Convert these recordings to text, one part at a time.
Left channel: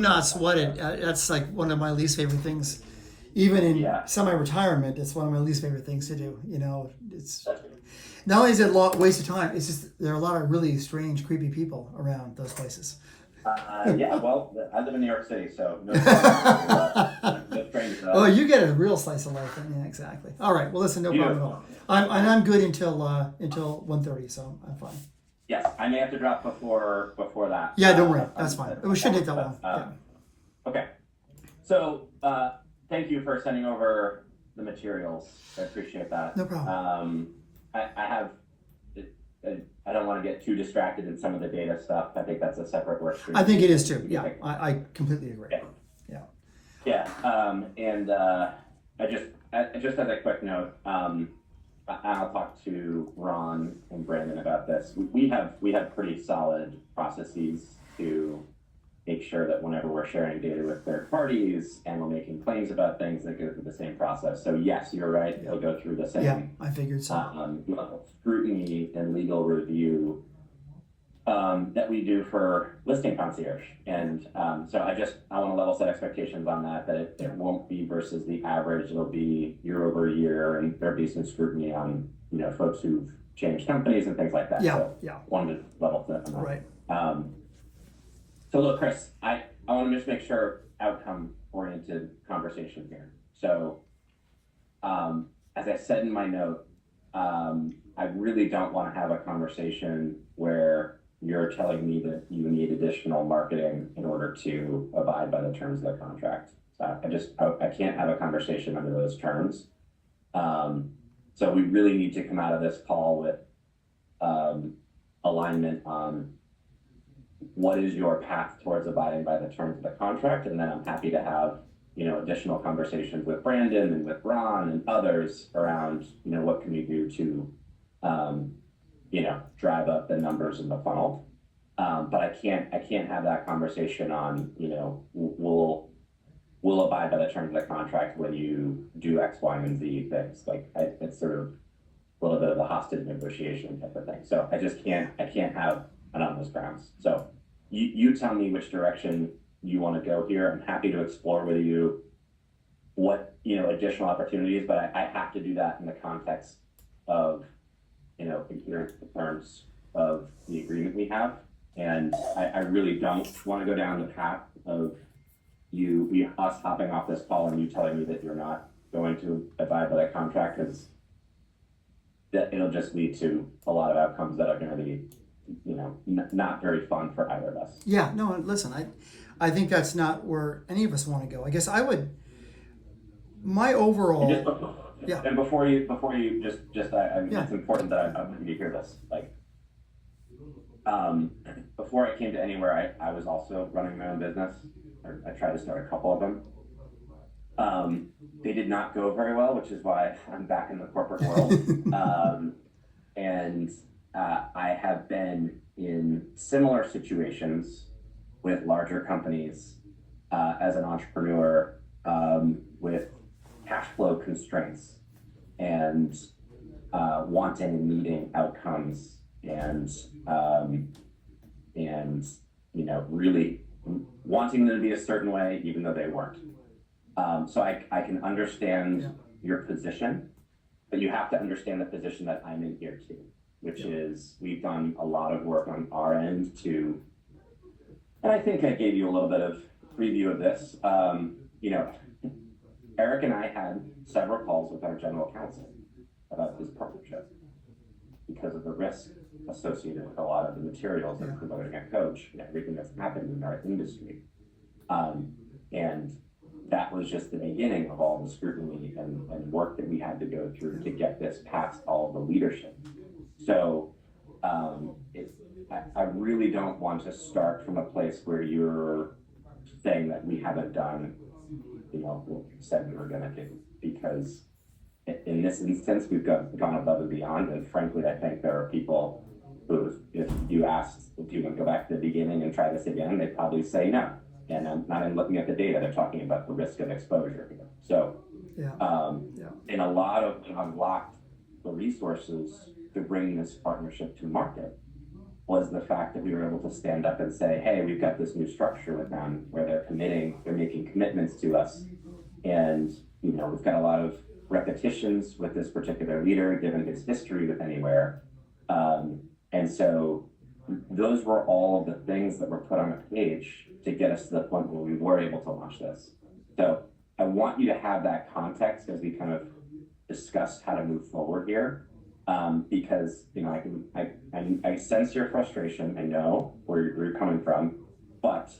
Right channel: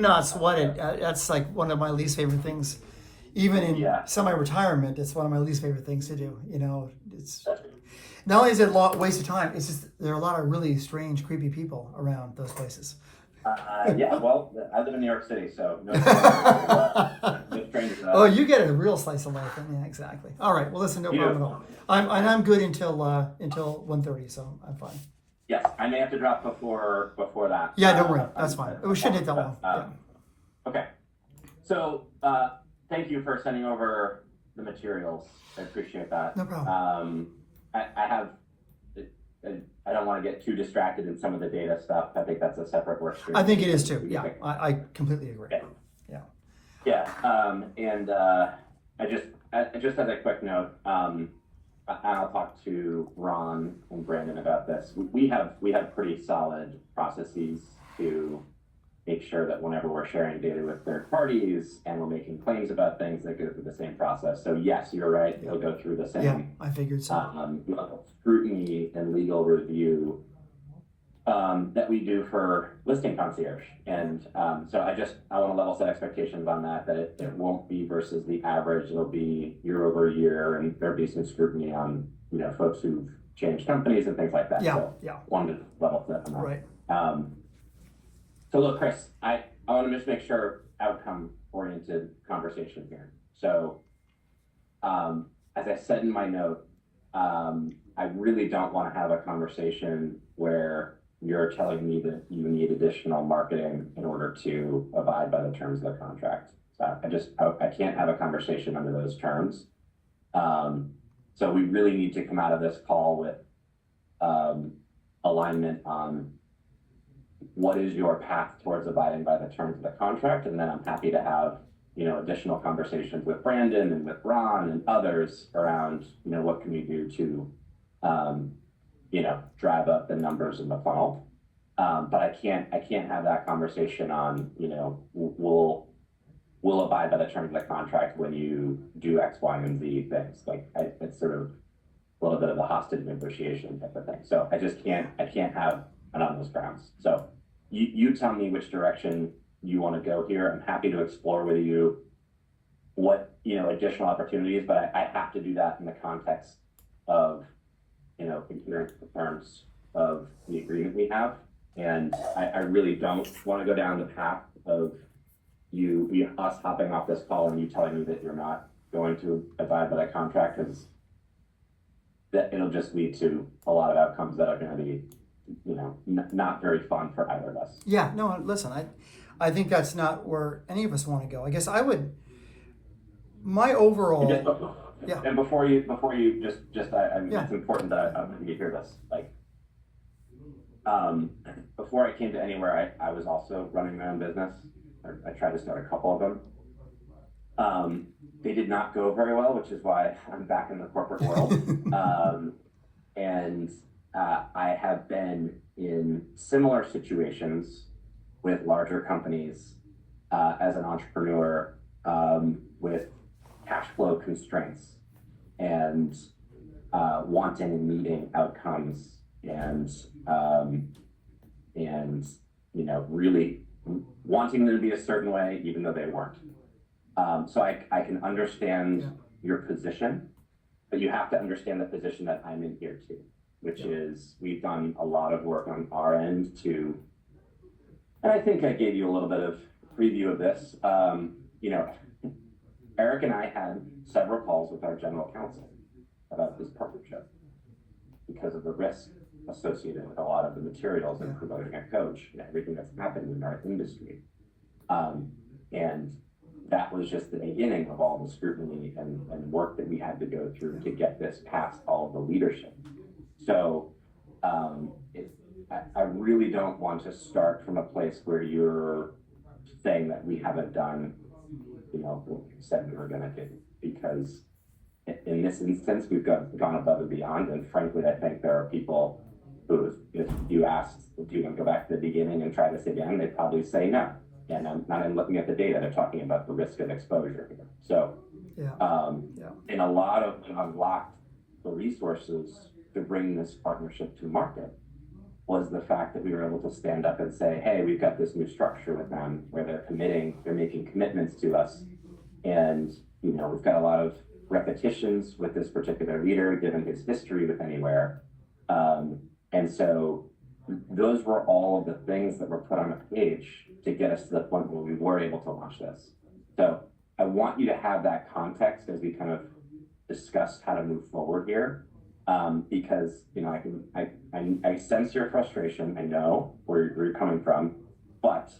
Not sweated. That's like one of my least favorite things. Even in Yeah. semi-retirement, it's one of my least favorite things to do. It's not only is it a lot waste of time, it's just there are a lot of really strange, creepy people around those places. Yeah, well, I live in New York City, so no strangers to Oh, that. you get a real slice of life. Yeah, exactly. All right. Well, listen, no problem at all. Beautiful. I'm good until 1:30, so I'm fine. Yes, I may have to drop before that. Yeah, don't worry. That's fine. We shouldn't take that long. Okay. So, thank you for sending over the materials. I appreciate that. No problem. I have, I don't want to get too distracted in some of the data stuff. I think that's a separate work stream. I think it is too. Yeah, I completely agree. Okay. Yeah. Yeah, and I just had a quick note. I'll talk to Ron and Brandon about this. We have pretty solid processes to make sure that whenever we're sharing data with third parties and we're making claims about things, that go through the same process. So yes, you're right. It'll go through the same. Yeah, I figured so. Scrutiny and legal review that we do for listing concierge. And so I want to level set expectations on that it won't be versus the average. It'll be year over year, and there'll be some scrutiny on, folks who've changed companies and things like that. Yeah, so yeah. Wanted to level set on that. Right. So look, Chris, I want to just make sure outcome oriented conversation here. So as I said in my note, I really don't want to have a conversation where you're telling me that you need additional marketing in order to abide by the terms of the contract. So I can't have a conversation under those terms. So we really need to come out of this call with alignment on what is your path towards abiding by the terms of the contract. And then I'm happy to have, additional conversations with Brandon and with Ron and others around, what can we do to, drive up the numbers in the funnel. But I can't have that conversation on, we'll abide by the terms of the contract when you do X, Y, and Z things. It's sort of a little bit of a hostage negotiation type of thing. So I can't have it on those grounds. So you tell me which direction you want to go here. I'm happy to explore with you what, additional opportunities, but I have to do that in the context of, adherence to the terms of the agreement we have. And I really don't want to go down the path of us hopping off this call and you telling me that you're not going to abide by that contract, because that it'll just lead to a lot of outcomes that are going to be, not very fun for either of us. Yeah, no, listen, I think that's not where any of us want to go. I guess my overall. Yeah. And before you it's important that you hear this. Before I came to Anywhere, I was also running my own business. I tried to start a couple of them. They did not go very well, which is why I'm back in the corporate world. And I have been in similar situations with larger companies as an entrepreneur, with cash flow constraints and wanting and needing outcomes and really wanting them to be a certain way even though they weren't. So I can understand your position, but you have to understand the position that I'm in here too, which is we've done a lot of work on our end and I think I gave you a little bit of preview of this. Eric and I had several calls with our general counsel about this partnership because of the risk associated with a lot of the materials in promoting a coach and everything that's happened in our industry. And that was just the beginning of all the scrutiny and work that we had to go through to get this past all of the leadership. So I really don't want to start from a place where you're saying that we haven't done, what we said we were going to do, because in this instance, we've gone above and beyond. And frankly, I think there are people who, if you asked, if you would go back to the beginning and try this again, they'd probably say no. And I'm not even looking at the data, they're talking about the risk of exposure here. So, in a lot of unlocked the resources to bring this partnership to market. was the fact that we were able to stand up and say, hey, we've got this new structure with them where they're making commitments to us. And, you know, we've got a lot of repetitions with this particular leader, given his history with Anywhere. And so those were all of the things that were put on a page to get us to the point where we were able to launch this. So I want you to have that context as we kind of discuss how to move forward here. Because, you know, I sense your frustration. I know where you're coming from, but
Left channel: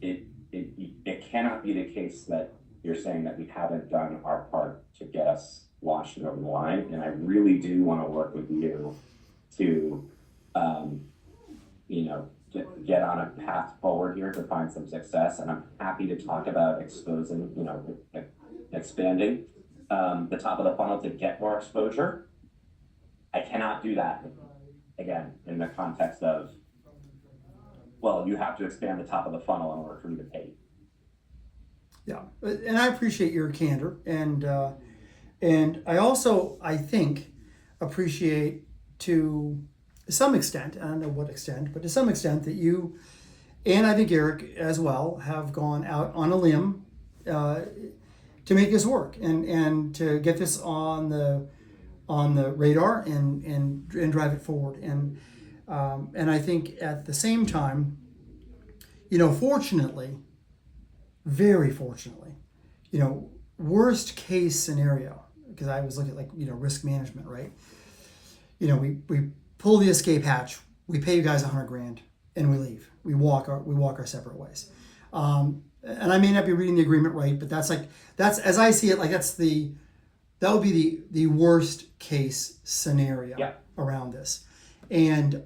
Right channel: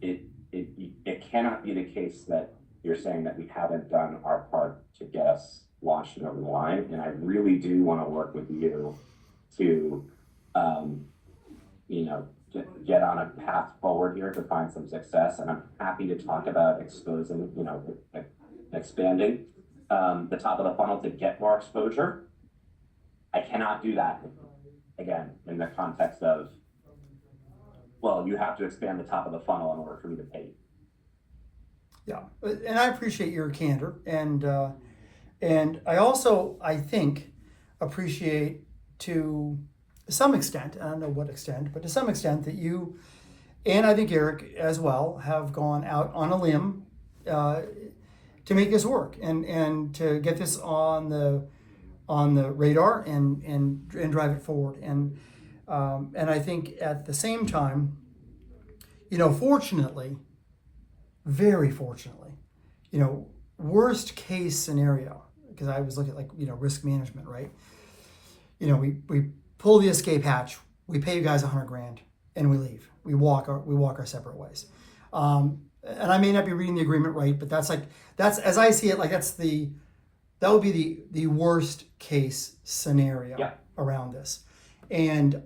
it cannot be the case that you're saying that we haven't done our part to get us launched and over the line. And I really do want to work with you to, you know, get on a path forward here to find some success. And I'm happy to talk about exposing, you know, expanding the top of the funnel to get more exposure. I cannot do that, again, in the context of, well, you have to expand the top of the funnel in order for me to pay you. Yeah, and I appreciate your candor, and I also, I think, appreciate to some extent, I don't know what extent, but to some extent that you, and I think Eric as well, have gone out on a limb to make this work and to get this on the radar and drive it forward. And I think at the same time, you know, fortunately, very fortunately, you know, worst case scenario, because I was looking at, like, you know, risk management, right? You know, we pull the escape hatch, we pay you guys $100,000, and we leave. We walk our separate ways. And I may not be reading the agreement right, but that's as I see it, like that would be the worst case scenario around this. And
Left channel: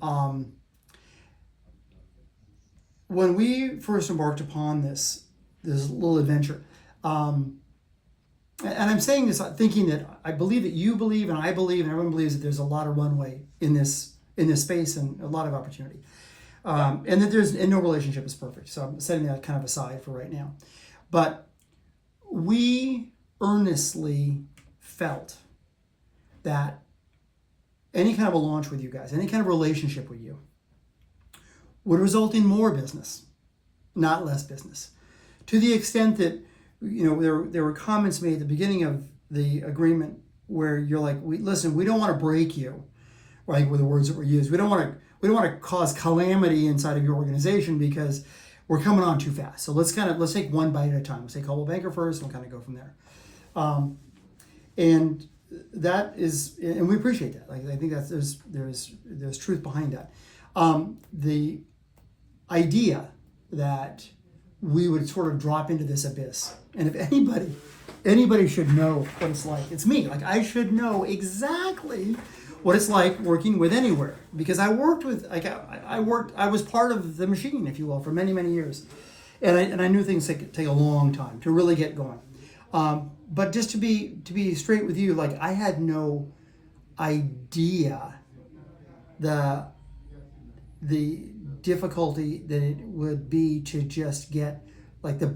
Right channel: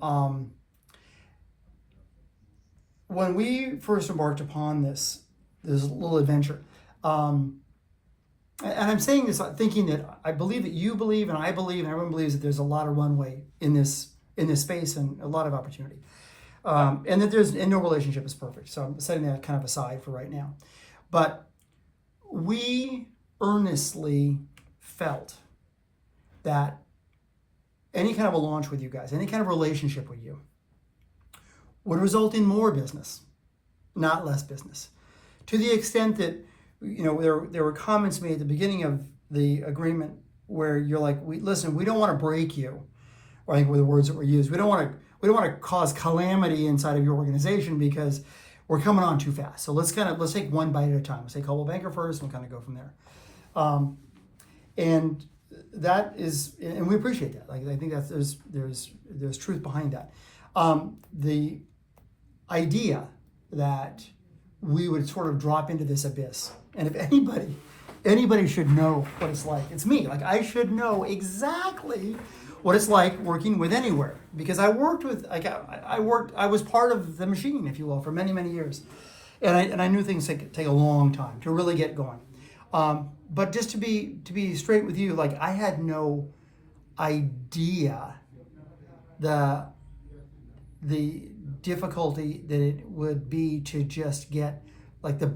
when we first embarked upon this little adventure, and I'm saying this thinking that I believe that you believe, and I believe, and everyone believes that there's a lot of runway in this space and a lot of opportunity, and that no relationship is perfect. So I'm setting that kind of aside for right now. But we earnestly felt that any kind of a launch with you guys, any kind of relationship with you, would result in more business, not less business. To the extent that, you know, there were comments made at the beginning of the agreement where you're like, listen, we don't want to break you, or I think were the words that were used. We don't want to cause calamity inside of your organization because we're coming on too fast. So let's take one bite at a time. Let's take Coldwell Banker first and kind of go from there. And that is, and we appreciate that. Like, I think that there's truth behind that. The idea that we would sort of drop into this abyss, and if anybody should know what it's like, it's me. Like, I should know exactly what it's like working with Anywhere, because I worked with, like, I was part of the machine, if you will, for many, many years, and I knew things take a long time to really get going. But just to be straight with you, like, I had no idea the difficulty that it would be to just get, like, the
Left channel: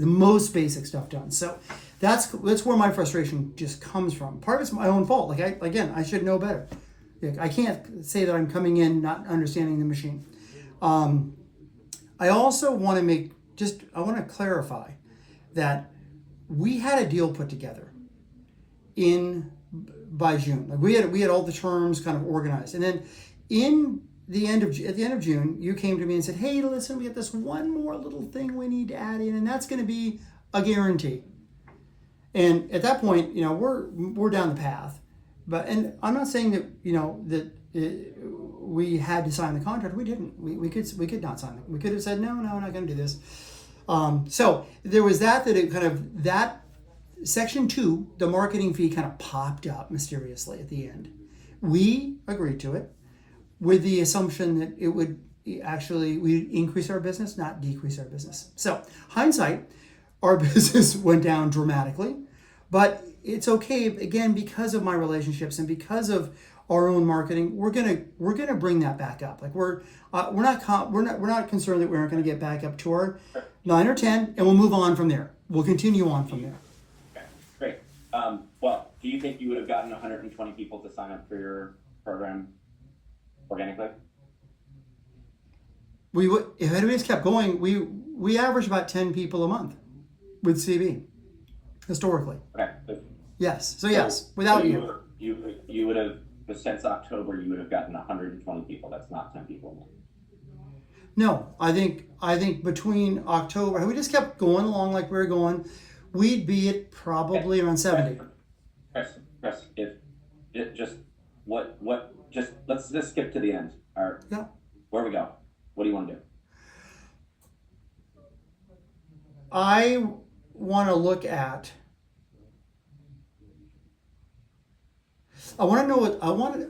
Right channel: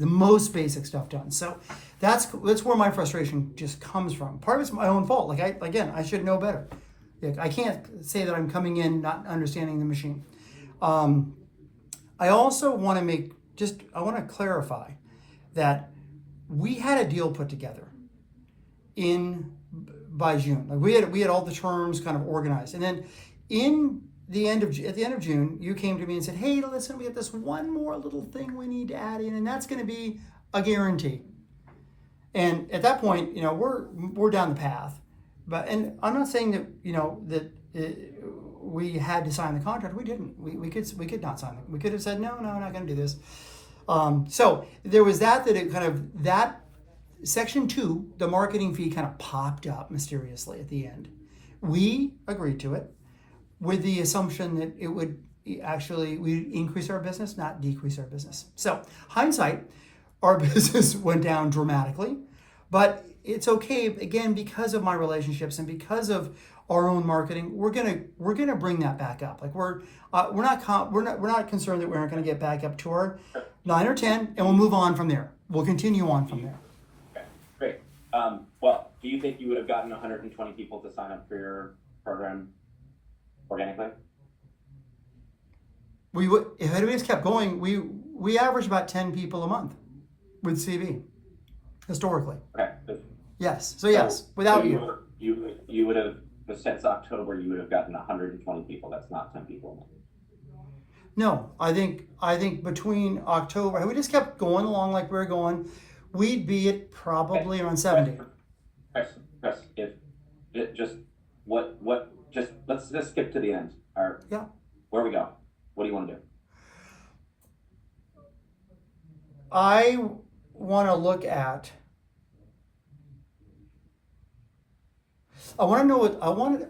most basic stuff done. So that's where my frustration just comes from. Part of it's my own fault. Like, I should know better. I can't say that I'm coming in not understanding the machine. I also want to clarify that we had a deal put together by June. Like, we had all the terms kind of organized, and then at the end of June, you came to me and said, "Hey, listen, we have this one more little thing we need to add in, and that's going to be a guarantee." And at that point, you know, we're down the path, and I'm not saying that, you know, that we had to sign the contract. We didn't. We could not sign it. We could have said, no, I'm not going to do this. So there was that section 2, the marketing fee, kind of popped up mysteriously at the end. We agreed to it with the assumption that it would we increase our business, not decrease our business. So hindsight, our business went down dramatically, but it's okay, again, because of my relationships and because of our own marketing. We're gonna bring that back up. Like, we're not concerned that we're not going to get back up to our 9 or 10, and we'll move on from there. We'll continue on from there. Okay, great. Well, do you think you would have gotten 120 people to sign up for your program organically? we would, if anybody's kept going, we average about 10 people a month with CB historically. Okay. Yes. So yes, without you. You would have, since October, you would have gotten 120 people. That's not 10 people a month. No, I think between October, we just kept going along like we were going. We'd be at probably around 70. Chris, if it just just let's just skip to the end. Yeah. Where we go? What do you want to do? I want to look at. I want to know what I want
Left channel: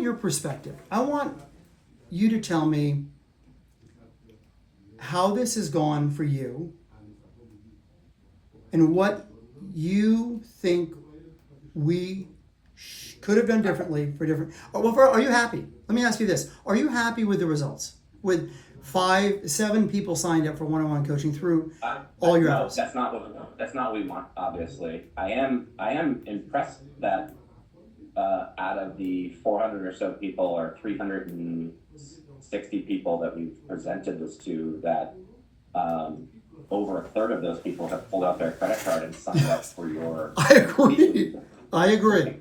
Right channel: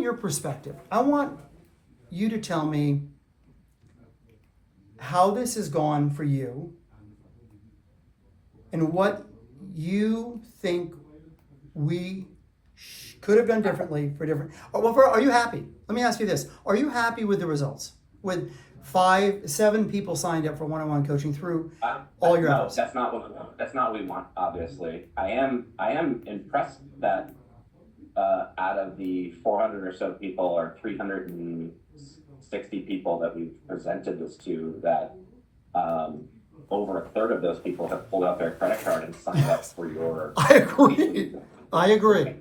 your perspective. I want you to tell me how this has gone for you and what you think we could have done differently for different. Are you happy? Let me ask you this: are you happy with the results? With 7 people signed up for one-on-one coaching through all your hours? That's not what we want. Obviously, I am impressed that out of the 400 or so people, or 360 people that we've presented this to, that over a third of those people have pulled out their credit card and signed up for your. I agree.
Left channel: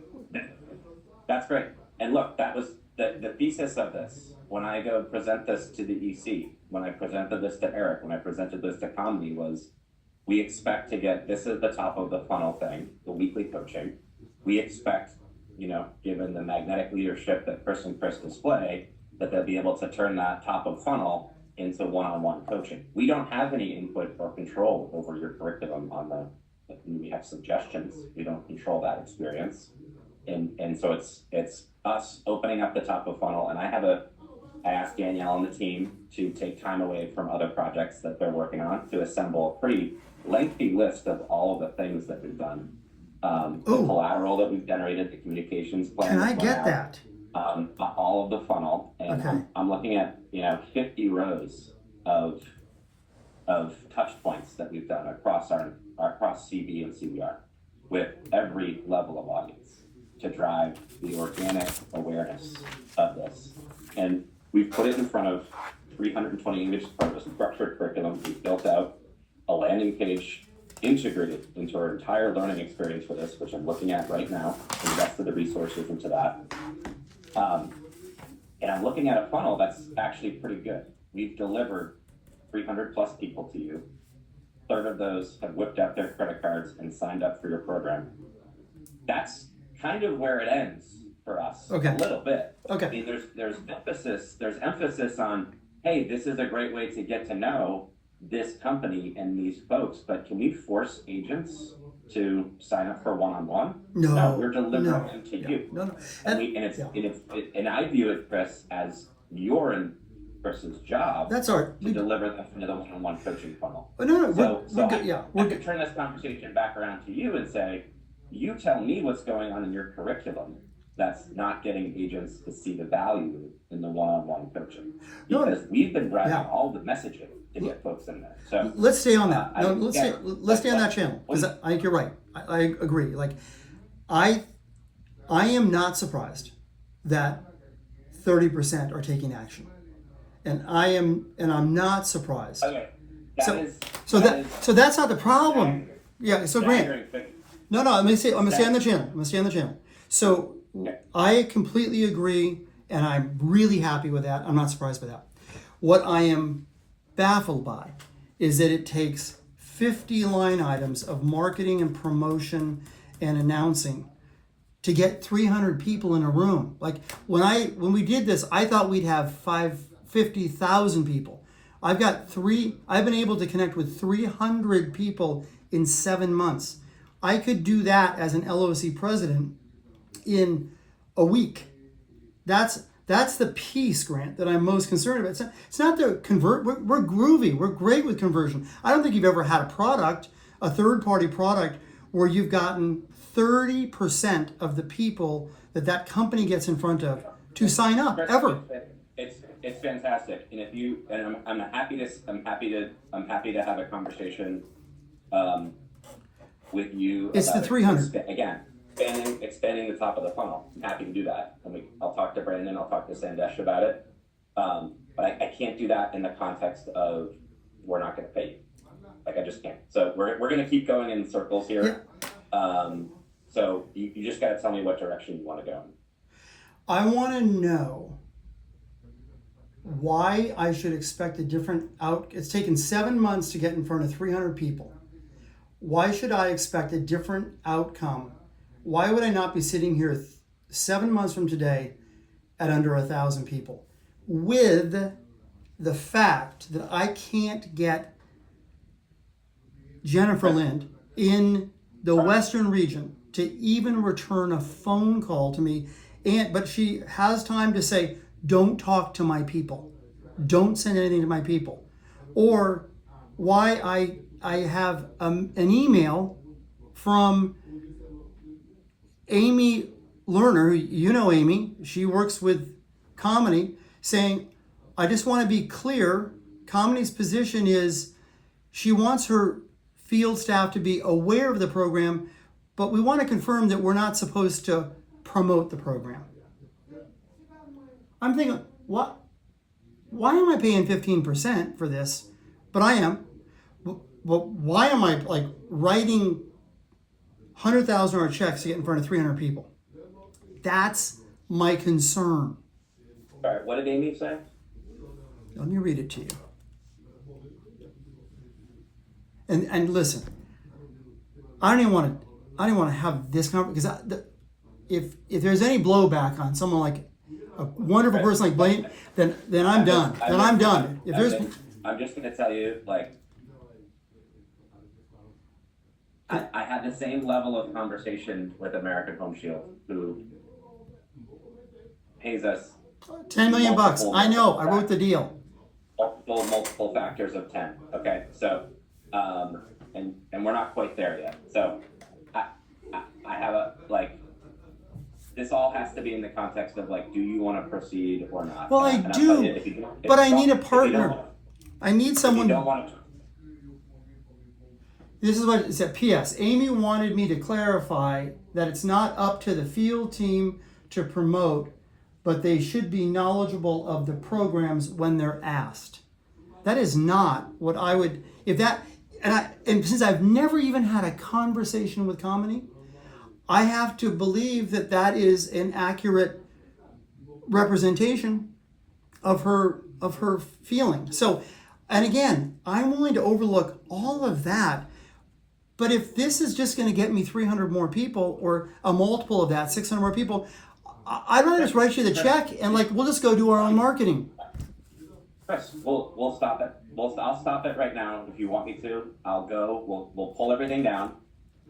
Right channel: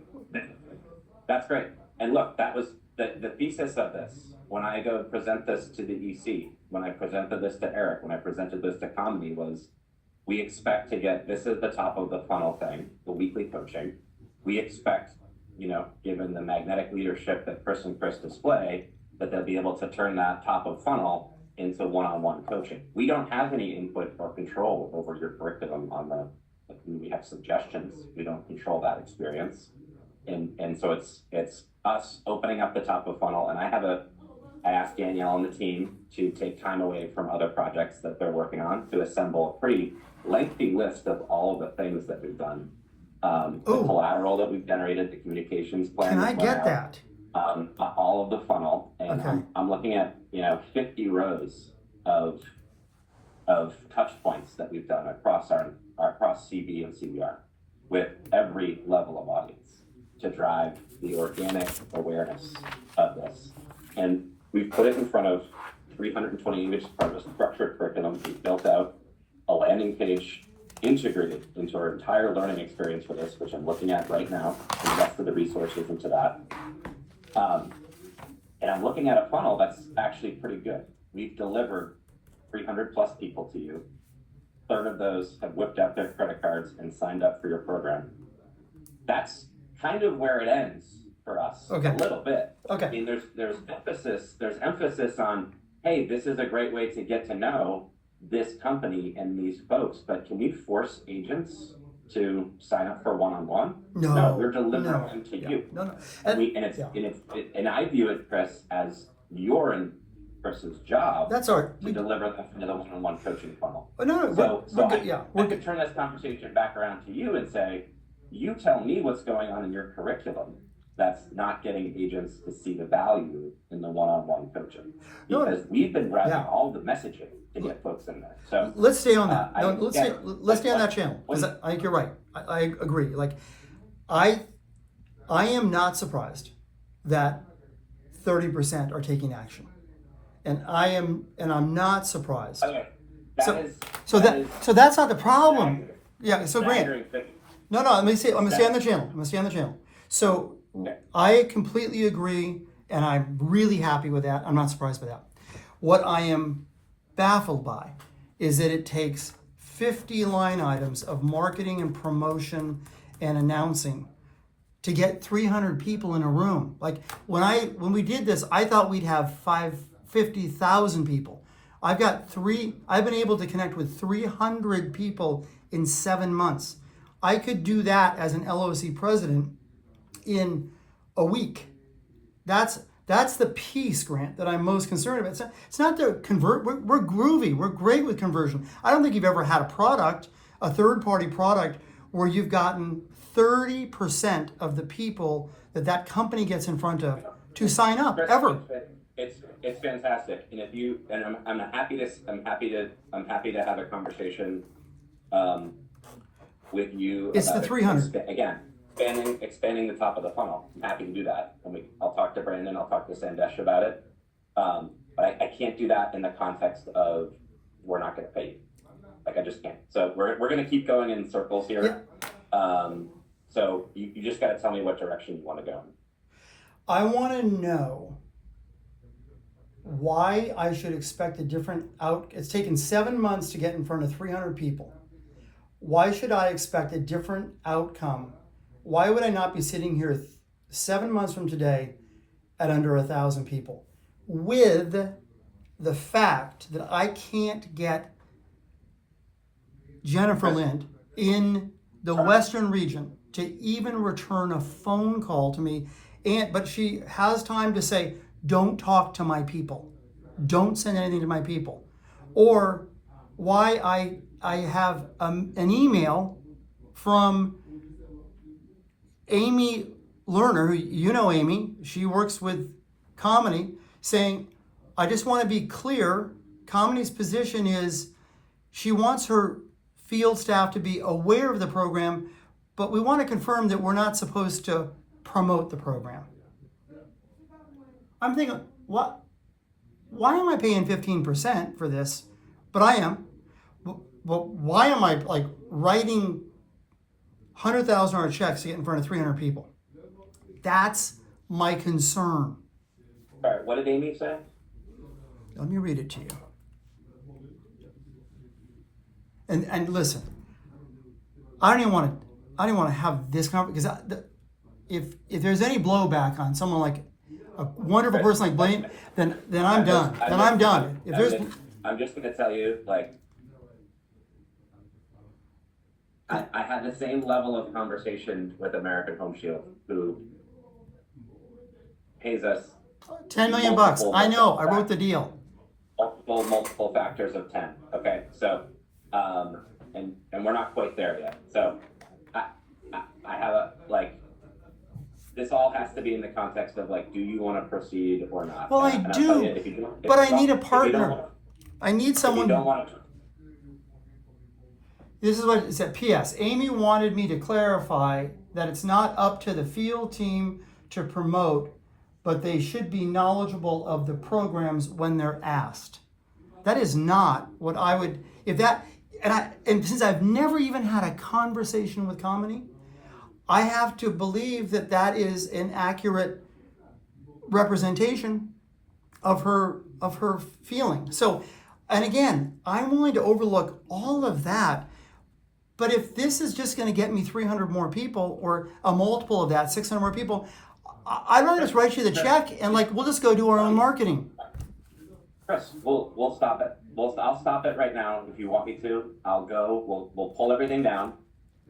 That's great. And look, that was the thesis of this. When I go present this to the EC, when I presented this to Eric, when I presented this to Comedy, was we expect to get, this is the top of the funnel thing, the weekly coaching. We expect, given the magnetic leadership that Chris and Chris display, that they'll be able to turn that top of funnel into one-on-one coaching. We don't have any input or control over your curriculum we have suggestions. We don't control that experience. And so it's us opening up the top of funnel. And I asked Danielle and the team to take time away from other projects that they're working on to assemble a pretty lengthy list of all of the things that we've done. The collateral that we've generated, the communications plan. Can I get that? All of the funnel, and okay. I'm looking at 50 rows of touch points that we've done across CB and CBR with every level of audience to drive the organic awareness of this. And we've put it in front of 320 English structured curriculum. We've built out a landing page integrated into our entire learning experience for this, which I'm looking at right now, invested the resources into that. And I'm looking at a funnel that's actually pretty good. We've delivered 300 plus people to you. A third of those have whipped out their credit cards and signed up for your program. That's kind of where it ends for us. Okay. A little bit. Okay. I mean, there's emphasis on, hey, this is a great way to get to know this company and these folks, but can we force agents to sign up for one-on-one? No, we're delivering them to you. No. And I view it, Chris, as your and Chris's job. That's our to deliver them into the one-on-one coaching funnel. I could turn this conversation back around to you and say, you tell me what's going on in your curriculum that's not getting agents to see the value in the one-on-one coaching, because we've been driving all the messaging to get folks in there. So let's stay on that. Let's stay on that channel, because I think you're right. I agree. Like, I am not surprised that 30% are taking action, and I'm not surprised. Okay, so that's not the problem. Yeah. So Grant. No. I'm gonna stay on the channel. So I completely agree, and I'm really happy with that. I'm not surprised by that. What I am baffled by is that it takes 50 line items of marketing and promotion and announcing to get 300 people in a room. Like when we did this, I thought we'd have 50,000 people. I've been able to connect with 300 people in 7 months. I could do that as an LOC president in a week. That's the piece, Grant, that I'm most concerned about. It's not the convert. We're groovy. We're great with conversion. I don't think you've ever had a third-party product, where you've gotten 30% of the people that company gets in front of to sign up ever. It's fantastic, and I'm happy to have a conversation with you. It's the 300 again. Expanding the top of the funnel. I'm happy to do that. I'll talk to Brandon. I'll talk to Sandesh about it. but I can't do that in the context of we're not going to pay you. Like I just can't. So we're going to keep going in circles here. So you just got to tell me what direction you want to go in. I want to know why I should expect a different It's taken 7 months to get in front of 300 people. Why should I expect a different outcome? Why would I not be sitting here 7 months from today at under 1,000 people with the fact that I can't get Jennifer Lind in the Western region to even return a phone call to me, but she has time to say, don't talk to my people, don't send anything to my people, or why I have an email from Amy Lerner, you know Amy, she works with Comedy, saying, I just want to be clear, Comedy's position is she wants her field staff to be aware of the program, but we want to confirm that we're not supposed to promote the program. I'm thinking, what? Why am I paying 15% for this? But I am. Well, why am I like writing $100,000 checks to get in front of 300 people? That's my concern. All right, what did Amy say? Let me read it to you. And listen, I don't even want to have this conversation, because if there's any blowback on someone like a wonderful person like Blaine, then I'm done. I'm done. I'm just going to tell you, like, I had the same level of conversation with American Home Shield, who pays us $10 million. I know. I wrote the deal. Multiple factors of 10. Okay, so and we're not quite there yet. So I have a like. This all has to be in the context of like, do you want to proceed or not? Well, I do, but I need a partner. I need someone. If you don't want to. This is what it said. P.S. Amy wanted me to clarify that it's not up to the field team to promote, but they should be knowledgeable of the programs when they're asked. That is not what I would, and since I've never even had a conversation with Comedy, I have to believe that that is an accurate representation of her feeling. So, and again, I'm willing to overlook all of that. But if this is just going to get me 300 more people, or a multiple of that, 600 more people, I'd rather just write you the check and like we'll just go do our own marketing. Chris, we'll stop it. I'll stop it right now if you want me to. I'll go. We'll pull everything down.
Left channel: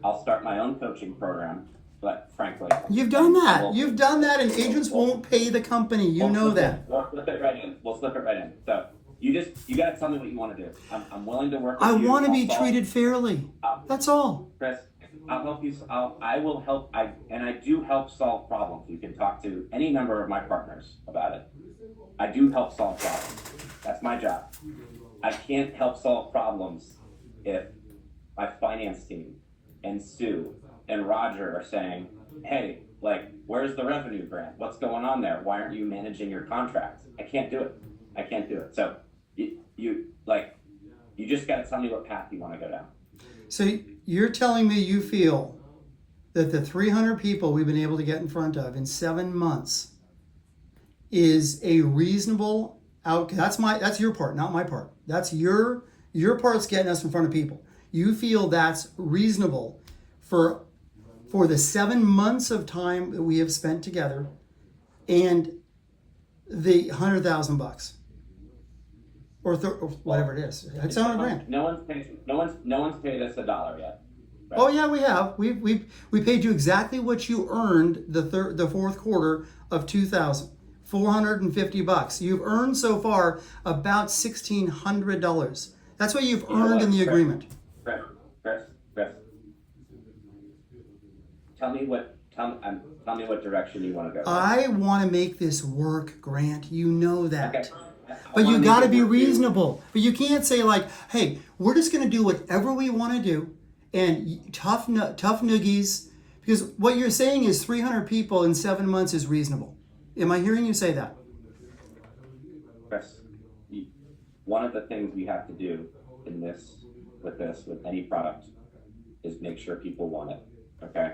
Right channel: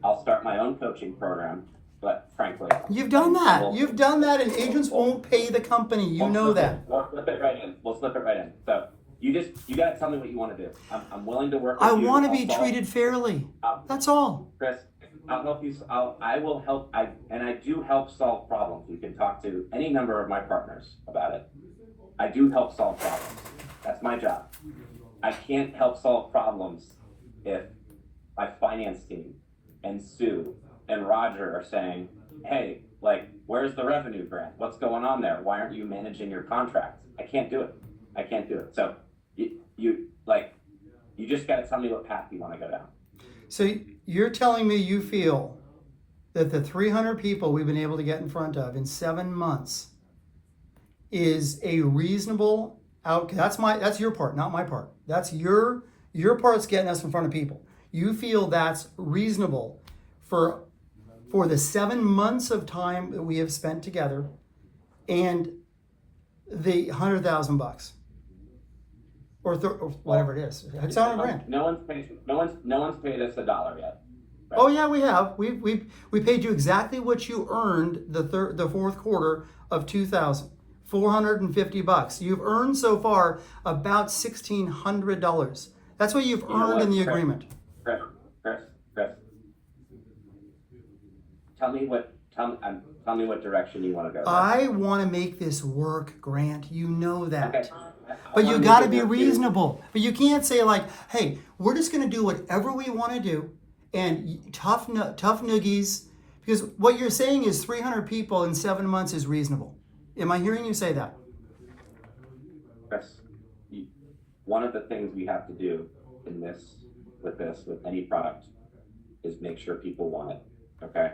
I'll start my own coaching program. But frankly, you've done that. You've done that, and agents won't pay the company. You know that. We'll slip it right in. We'll slip it right in. So you got to tell me what you want to do. I'm willing to work with you. I want to be treated fairly. That's all. Chris, I'll help you. I will help. I do help solve problems. You can talk to any number of my partners about it. I do help solve problems. That's my job. I can't help solve problems if my finance team and Sue and Roger are saying, hey, like, where's the revenue grant? What's going on there? Why aren't you managing your contracts? I can't do it. So you just got to tell me what path you want to go down. So you're telling me you feel that the 300 people we've been able to get in front of in 7 months is a reasonable outcome? That's your part, not my part. That's your part's getting us in front of people. You feel that's reasonable for the 7 months of time that we have spent together, and the $100,000 or whatever it is. It's $100,000. No one's paid us $1 yet. Right? Oh yeah, we have. We paid you exactly what you earned the fourth quarter of 2000. $450. You've earned so far about $1,600. That's what you've earned in the agreement. Chris. Tell me what direction you want to go. I want to make this work, Grant. You know that. Okay. But you got to be reasonable. But you can't say like, hey, we're just going to do whatever we want to do, and tough noogies, because what you're saying is 300 people in 7 months is reasonable. Am I hearing you say that? Chris, one of the things we have to do in this, with any product, is make sure people want it, okay?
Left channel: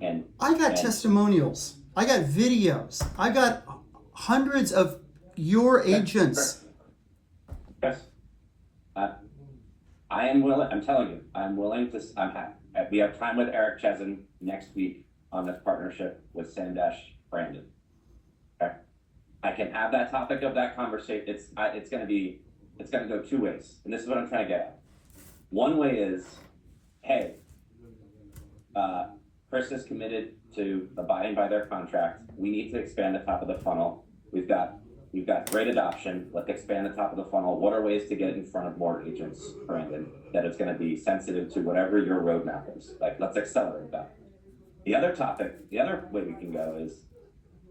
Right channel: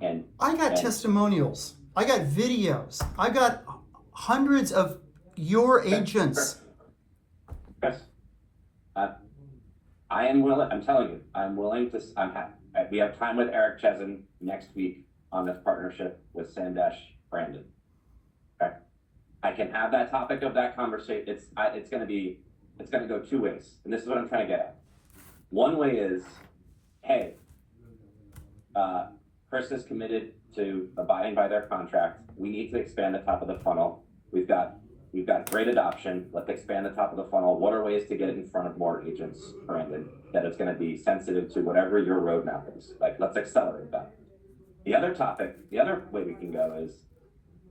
And I got and- testimonials. I got videos. I got hundreds of your agents. Yes. I am willing, I'm telling you, I'm willing to, we have time with Eric Chesson next week on this partnership with Sandesh Brandon. Okay? I can have that topic of that conversation. It's gonna go two ways. And this is what I'm trying to get at. One way is, hey, Chris is committed to abiding by their contract. We need to expand the top of the funnel. We've got great adoption. Let's expand the top of the funnel. What are ways to get it in front of more agents, Brandon, that it's going to be sensitive to whatever your roadmap is? Like, let's accelerate that. The other way we can go is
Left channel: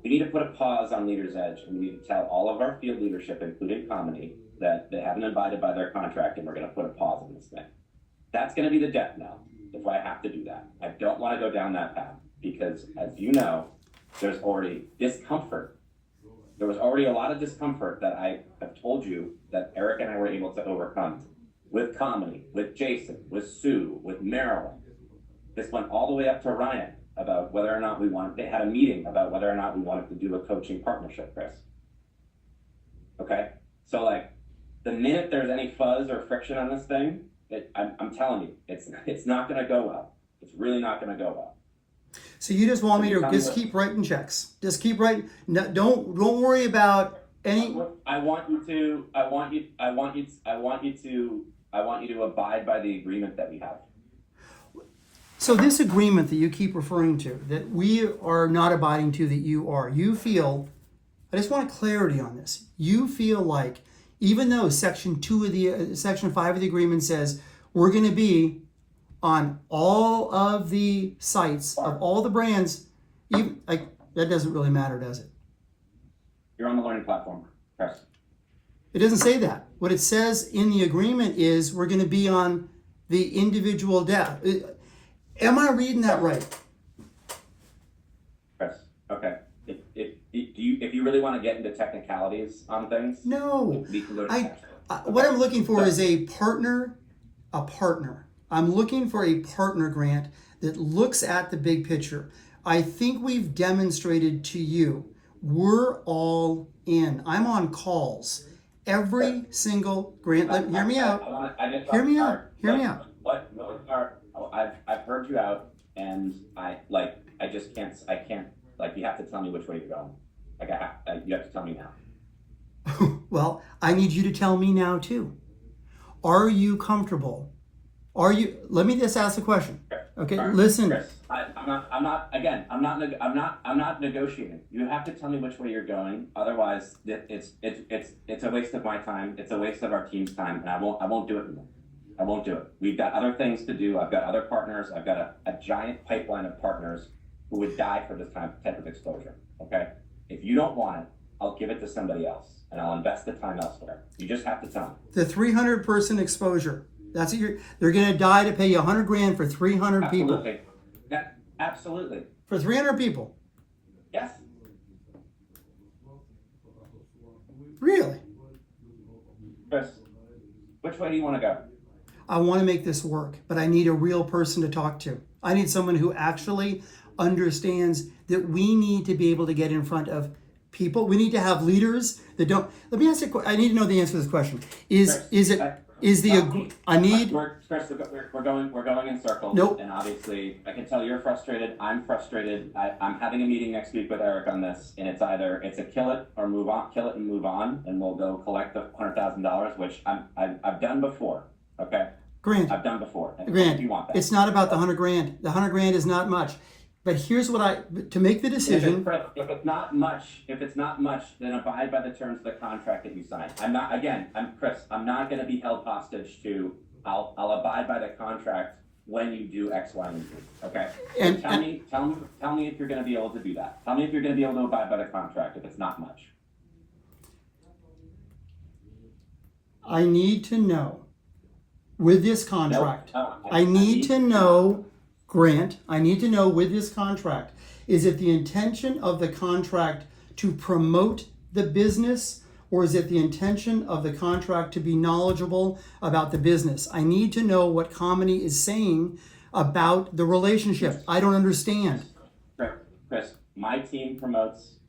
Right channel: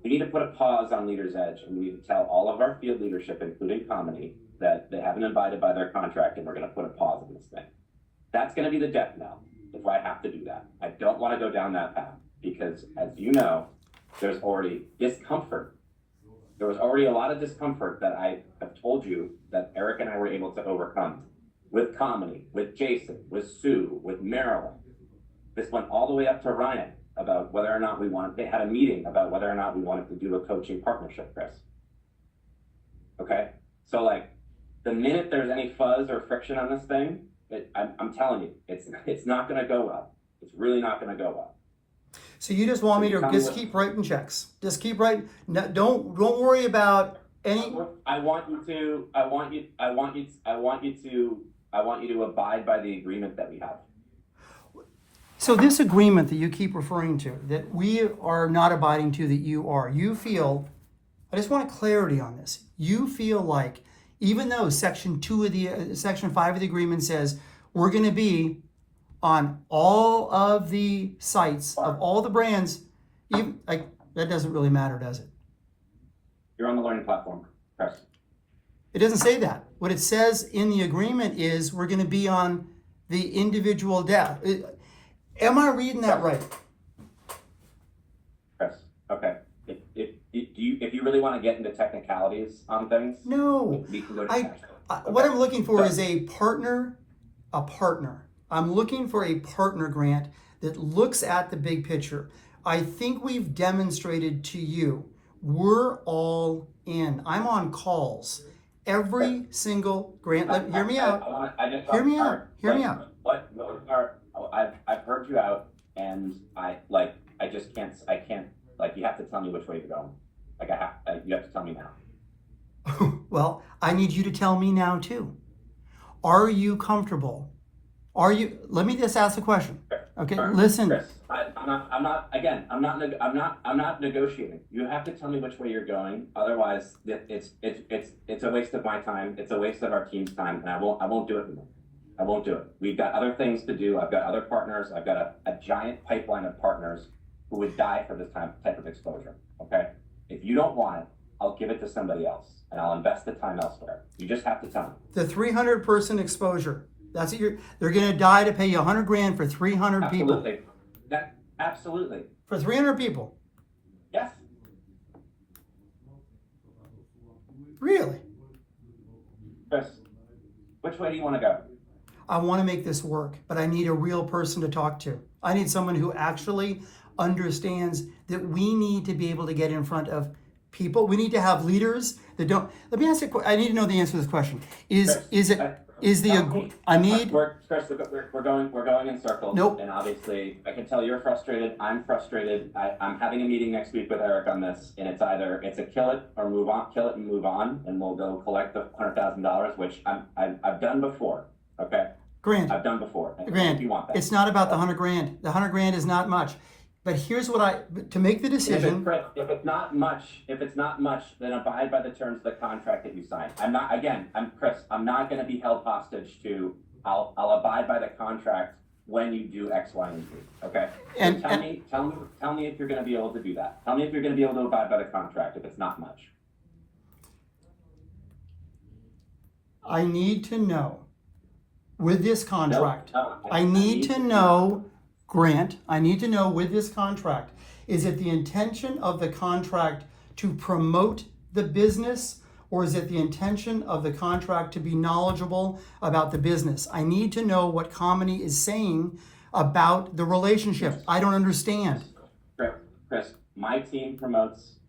we need to put a pause on Leader's Edge, and we need to tell all of our field leadership, including Comedy, that they haven't abided by their contract, and we're going to put a pause on this thing. That's going to be the death knell if I have to do that. I don't want to go down that path because, as you know, there's already discomfort. There was already a lot of discomfort that I have told you that Eric and I were able to overcome with Comedy, with Jason, with Sue, with Marilyn. This went all the way up to Ryan about whether or not they had a meeting about whether or not we wanted to do a coaching partnership, Chris. Okay? So, like, the minute there's any fuzz or friction on this thing, I'm telling you, it's not going to go well. It's really not going to go well. So you just want me to just keep writing checks. Just keep writing. No, don't worry about any. I want you to abide by the agreement that we have. So this agreement that you keep referring to, that we are not abiding to, that you are, you feel, I just want clarity on this. You feel like, even though section 5 of the agreement says we're going to be on all of the sites of all the brands, even, like, that doesn't really matter, does it? You're on the learning platform, Chris. It doesn't say that. What it says in the agreement is we're going to be on the individual Am I reading that right? Chris, okay. If you really want to get into technicalities on things, No. we can go to section. What I'm looking for is a partner. I'm looking for a partner, Grant, that looks at the big picture. I think we've demonstrated to you we're all in. I'm on calls every single, Grant. Hear me out. Hear me out. Hear me out. I've heard you out, and I can't, like, you have to tell me which way you're going. Like, you have to tell me now. Well, I need you to tell me now too. Are you comfortable? Let me just ask a question. Okay, Chris, listen. Chris, I'm not negotiating. You have to tell me which way you're going. Otherwise, it's a waste of my time. It's a waste of our team's time, and I won't do it anymore. I won't do it. We've got other things to do. I've got other partners. I've got a giant pipeline of partners who would die for this type of exposure. Okay? If you don't want it, I'll give it to somebody else, and I'll invest the time elsewhere. You just have to tell me. The 300 person exposure. That's what they're going to die to pay you $100,000 for 300 people. Absolutely. For 300 people. Yes. Really? Chris, which way do you want to go? I want to make this work, but I need a real person to talk to. I need someone who actually understands that we need to be able to get in front of people. We need to have leaders that don't. Let me ask you. I need to know the answer to this question. Chris, we're going in circles. Nope. And obviously, I can tell you're frustrated. I'm frustrated. I'm having a meeting next week with Eric on this, and it's a kill it or move on, kill it and move on, and we'll go collect the $100,000, which I've done before. Okay. Grant. I've done before. Grant. You want that? It's not about the $100,000. The $100,000 is not much. But here's what to make the decision. If it's not much, then abide by the terms of the contract that you signed. I'm Chris. I'm not going to be held hostage to. I'll abide by the contract when you do X, Y, and Z. Okay. So tell me if you're going to be able to do that. Tell me if you're going to be able to abide by the contract if it's not much. I need to know with this contract. I need to know. Grant, I need to know with this contract, is it the intention of the contract to promote the business, or is it the intention of the contract to be knowledgeable about the business? I need to know what Comedy is saying about the relationship. I don't understand. Chris, my team promotes,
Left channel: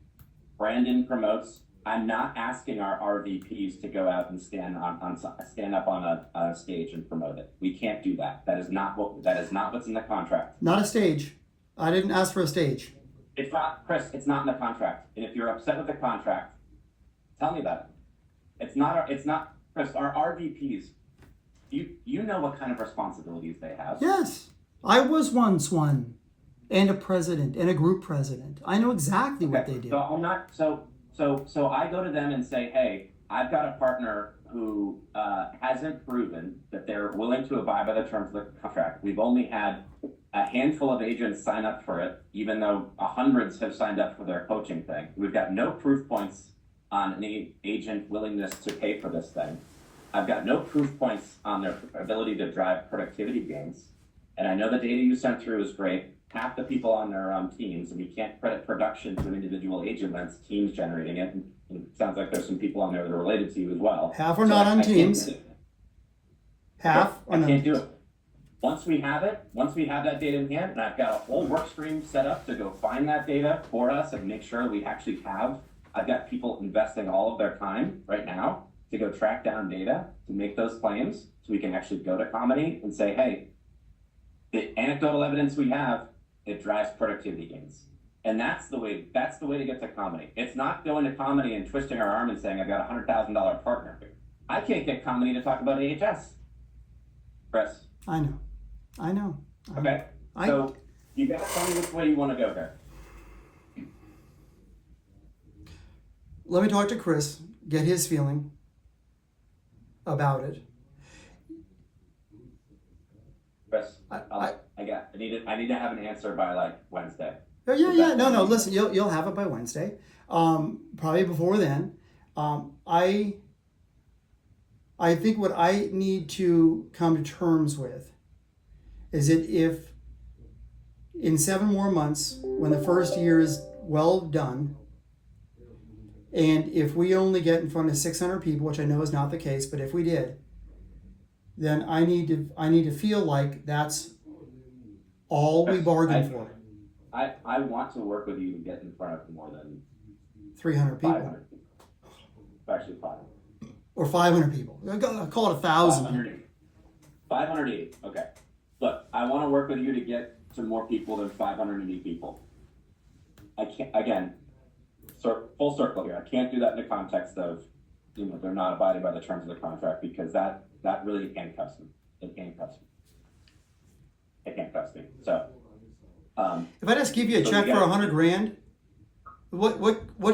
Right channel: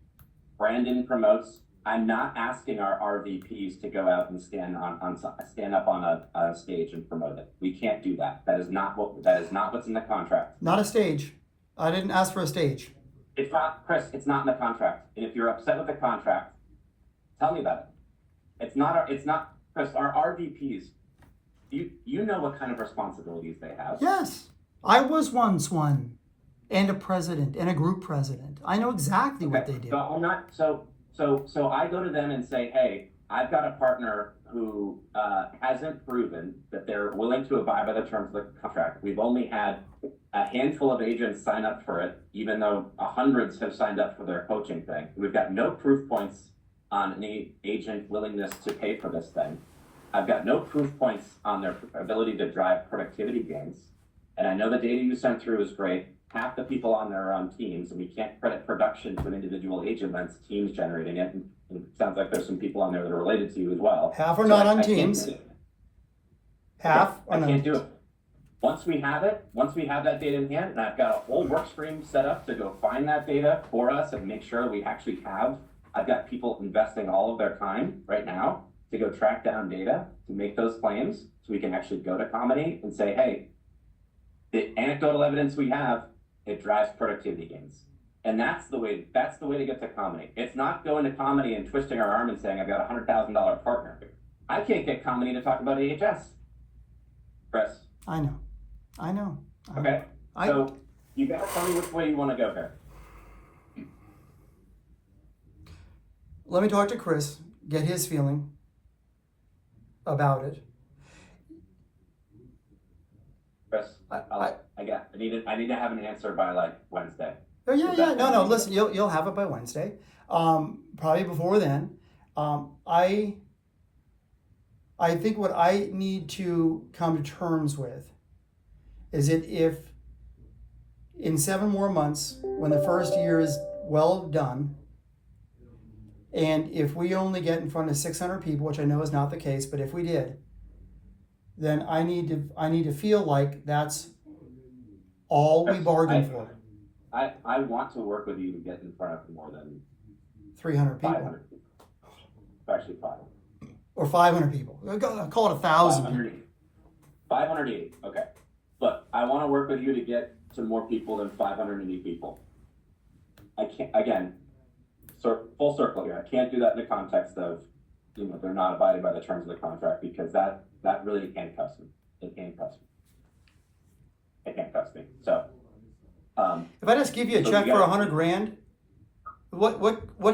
Brandon promotes. I'm not asking our RVPs to go out and stand up on a stage and promote it. We can't do that. That is not what's in the contract. Not a stage. I didn't ask for a stage. It's not, Chris, it's not in the contract. And if you're upset with the contract, tell me about it. It's not, Chris, our RVPs, you know what kind of responsibilities they have. Yes. I was once one, and a president, and a group president. I know exactly what they do. So I'm not, so I go to them and say, hey, I've got a partner who hasn't proven that they're willing to abide by the terms of the contract. We've only had a handful of agents sign up for it, even though hundreds have signed up for their coaching thing. We've got no proof points on any agent willingness to pay for this thing. I've got no proof points on their ability to drive productivity gains. And I know the data you sent through is great. Half the people on there are on teams, and we can't credit production to an individual agent when it's teams generating it. And it sounds like there's some people on there that are related to you as well. Half are not on teams. Half I can't do it. Once we have that data in hand, and I've got a whole work stream set up to go find that data for us and make sure we actually have. I've got people investing all of their time right now to go track down data to make those claims, so we can actually go to Comedy and say, hey, the anecdotal evidence we have, it drives productivity gains. And that's the way to get to Comedy. It's not going to Comedy and twisting our arm and saying, I've got a $100,000 partner. I can't get Comedy to talk about AHS. Chris. I know. Okay. So you gotta tell me which way you want to go here. Let me talk to Chris, get his feeling about it. Chris, I need to have an answer by like Wednesday. Oh, yeah. No. Listen, you'll have it by Wednesday. Probably before then. I think what I need to come to terms with is that if in 7 more months, when the first year is well done, and if we only get in front of 600 people, which I know is not the case, but if we did, then I need to feel like that's all we bargained for. I want to work with you to get in front of more than 300 people. 500 people. Actually 500. Or 500 people. I'll call it 1,000. 580. Okay. Look, I want to work with you to get to more people than 580 people. I can't, again, full circle here. I can't do that in the context of, they're not abiding by the terms of the contract, because that really handcuffs me. It handcuffs me. So, if I just give you a check for $100,000, what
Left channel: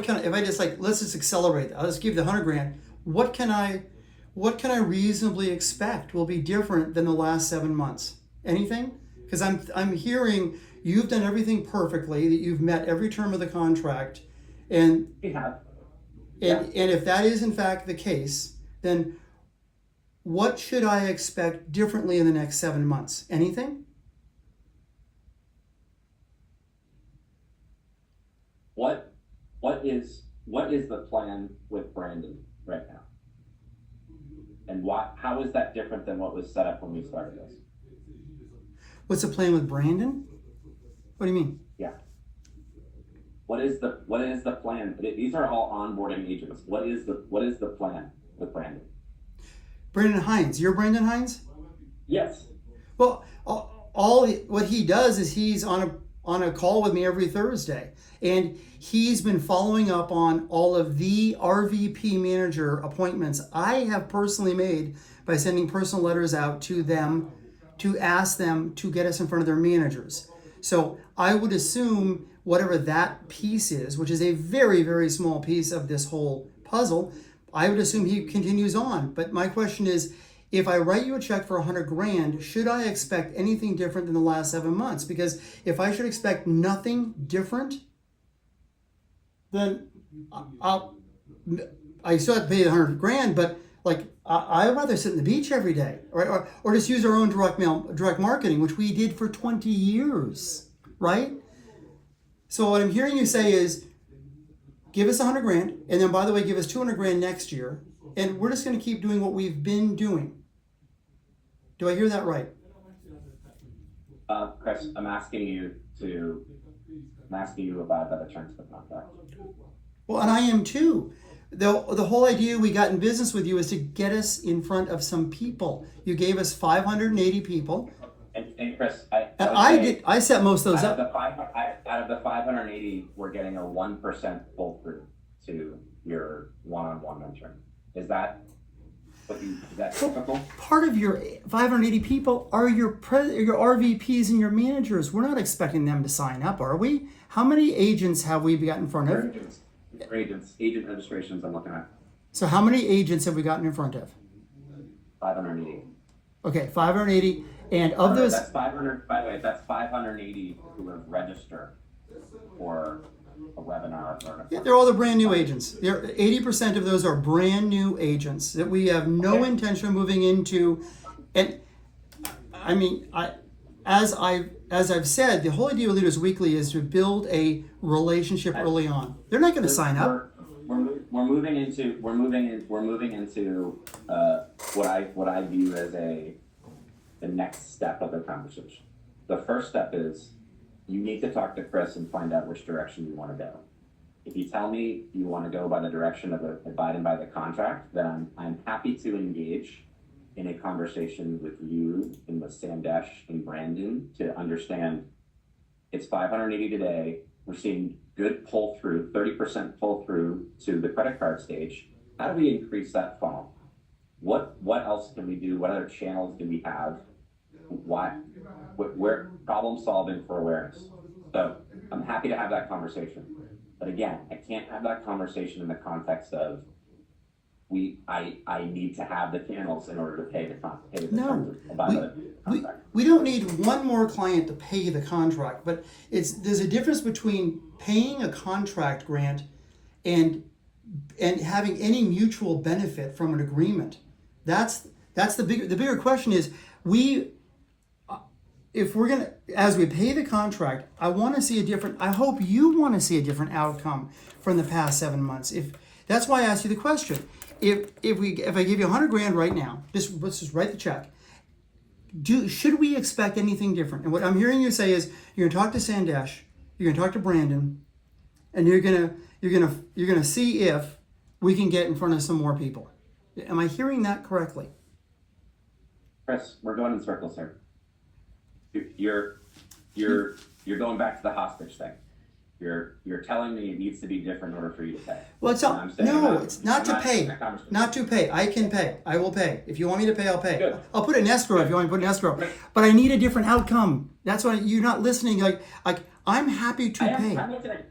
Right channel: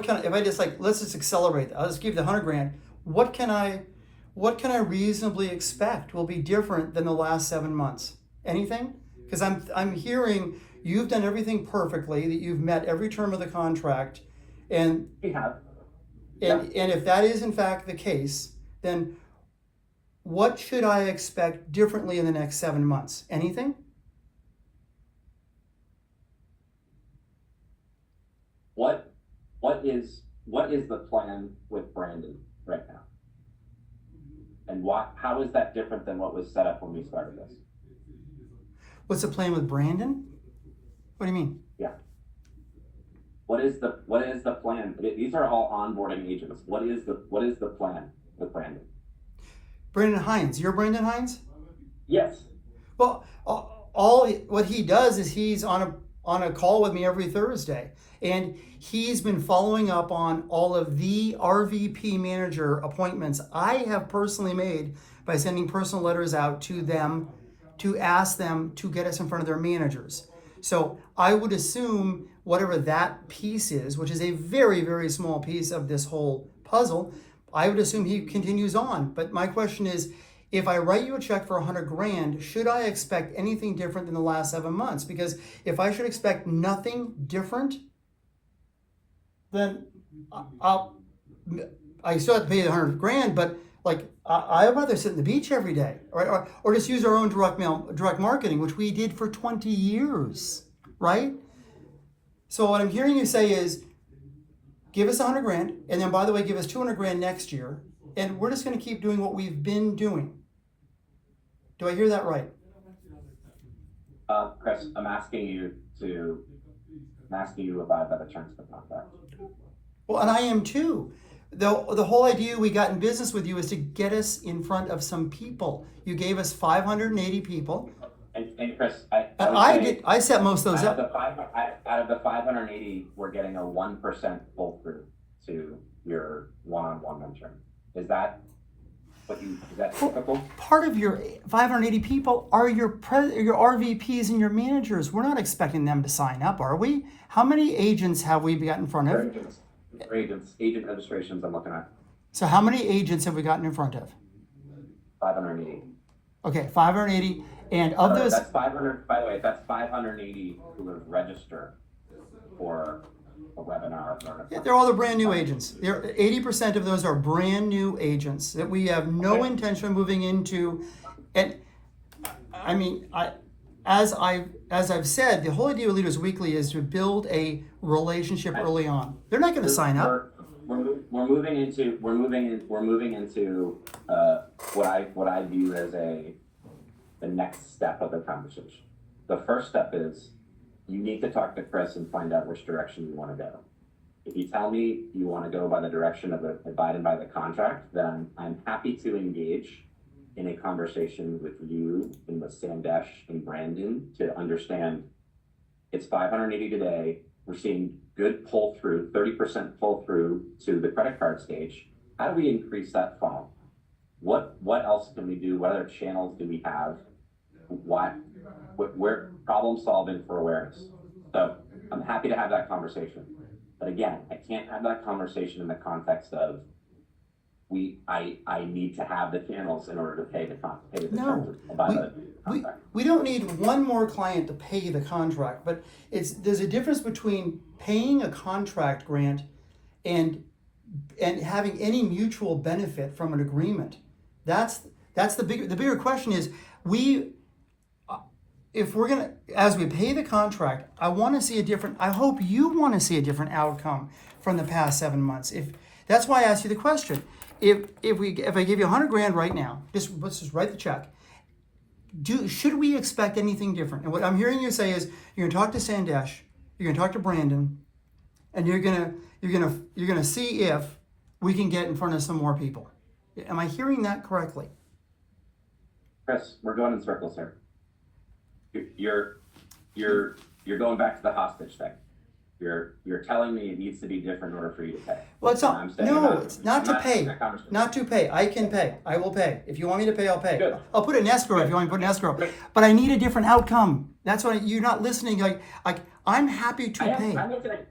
kind of, if I just let's just accelerate that. I'll just give you the $100,000. What can I reasonably expect will be different than the last 7 months? Anything? Because I'm hearing you've done everything perfectly, that you've met every term of the contract, and we have. And if that is in fact the case, then what should I expect differently in the next 7 months? Anything? What is the plan with Brandon right now? And how is that different than what was set up when we started this? What's the plan with Brandon? What do you mean? Yeah. What is the plan? These are all onboarding agents. What is the plan with Brandon? Brandon Hines. You're Brandon Hines? Yes. Well, what he does is he's on a call with me every Thursday, and he's been following up on all of the RVP manager appointments I have personally made by sending personal letters out to them to ask them to get us in front of their managers. So I would assume whatever that piece is, which is a very, very small piece of this whole puzzle, I would assume he continues on. But my question is, if I write you a check for $100,000, should I expect anything different than the last 7 months? Because if I should expect nothing different, then I still have to pay the $100,000, but I'd rather sit on the beach every day, or just use our own direct marketing, which we did for 20 years, right? So what I'm hearing you say is, give us 100 grand, and then by the way, give us 200 grand next year, and we're just going to keep doing what we've been doing. Do I hear that right? Chris, I'm asking you to abide by the terms of the contract. Well, and I am too. The whole idea we got in business with you is to get us in front of some people. You gave us 580 people. And Chris, I set most of those out up. Out of the 580, we're getting a 1% pull through to your one-on-one mentoring. Is that typical? Part of your 580 people are your RVPs and your managers. We're not expecting them to sign up, are we? How many agents have we got in front of? Agent registrations I'm looking at. So how many agents have we gotten in front of? 580. Okay, 580. And of those, that's 500. By the way, that's 580 who have registered for a webinar. they're all the brand new agents. 80% of those are brand new agents that we have no intention of moving into. And I mean, as I've said, the whole idea of Leaders Weekly is to build a relationship early on. They're not going to sign up. We're moving into what I view as the next step of the conversation. The first step is you need to talk to Chris and find out which direction you want to go. If you tell me you want to go by the direction of abiding by the contract, then I'm happy to engage in a conversation with you and with Sandesh and Brandon to understand it's 580 today. We're seeing good pull through, 30% pull through to the credit card stage. How do we increase that funnel? What else can we do? What other channels do we have? We're problem solving for awareness. So I'm happy to have that conversation. But again, I can't have that conversation in the context of I need to have the channels in order to pay the contract. We don't need one more client to pay the contract, but there's a difference between paying a contract, Grant, and having any mutual benefit from an agreement. That's the bigger question is if we're gonna, as we pay the contract, I hope you want to see a different outcome from the past 7 months. That's why I asked you the question. If I give you 100 grand right now, let's just write the check. Should we expect anything different? And what I'm hearing you say is you're gonna talk to Sandesh, you're gonna talk to Brandon, and you're gonna see if we can get in front of some more people. Am I hearing that correctly? Chris, we're going in circles here. You're going back to the hostage thing. You're telling me it needs to be different in order for you to pay. Well, it's not. No, it's not to pay. Not to pay. I can pay. I will pay. If you want me to pay, I'll pay. Good. I'll put it in escrow if you want me to put it in escrow. But I need a different outcome. That's what you're not listening. Like I'm happy to pay. I'm listening.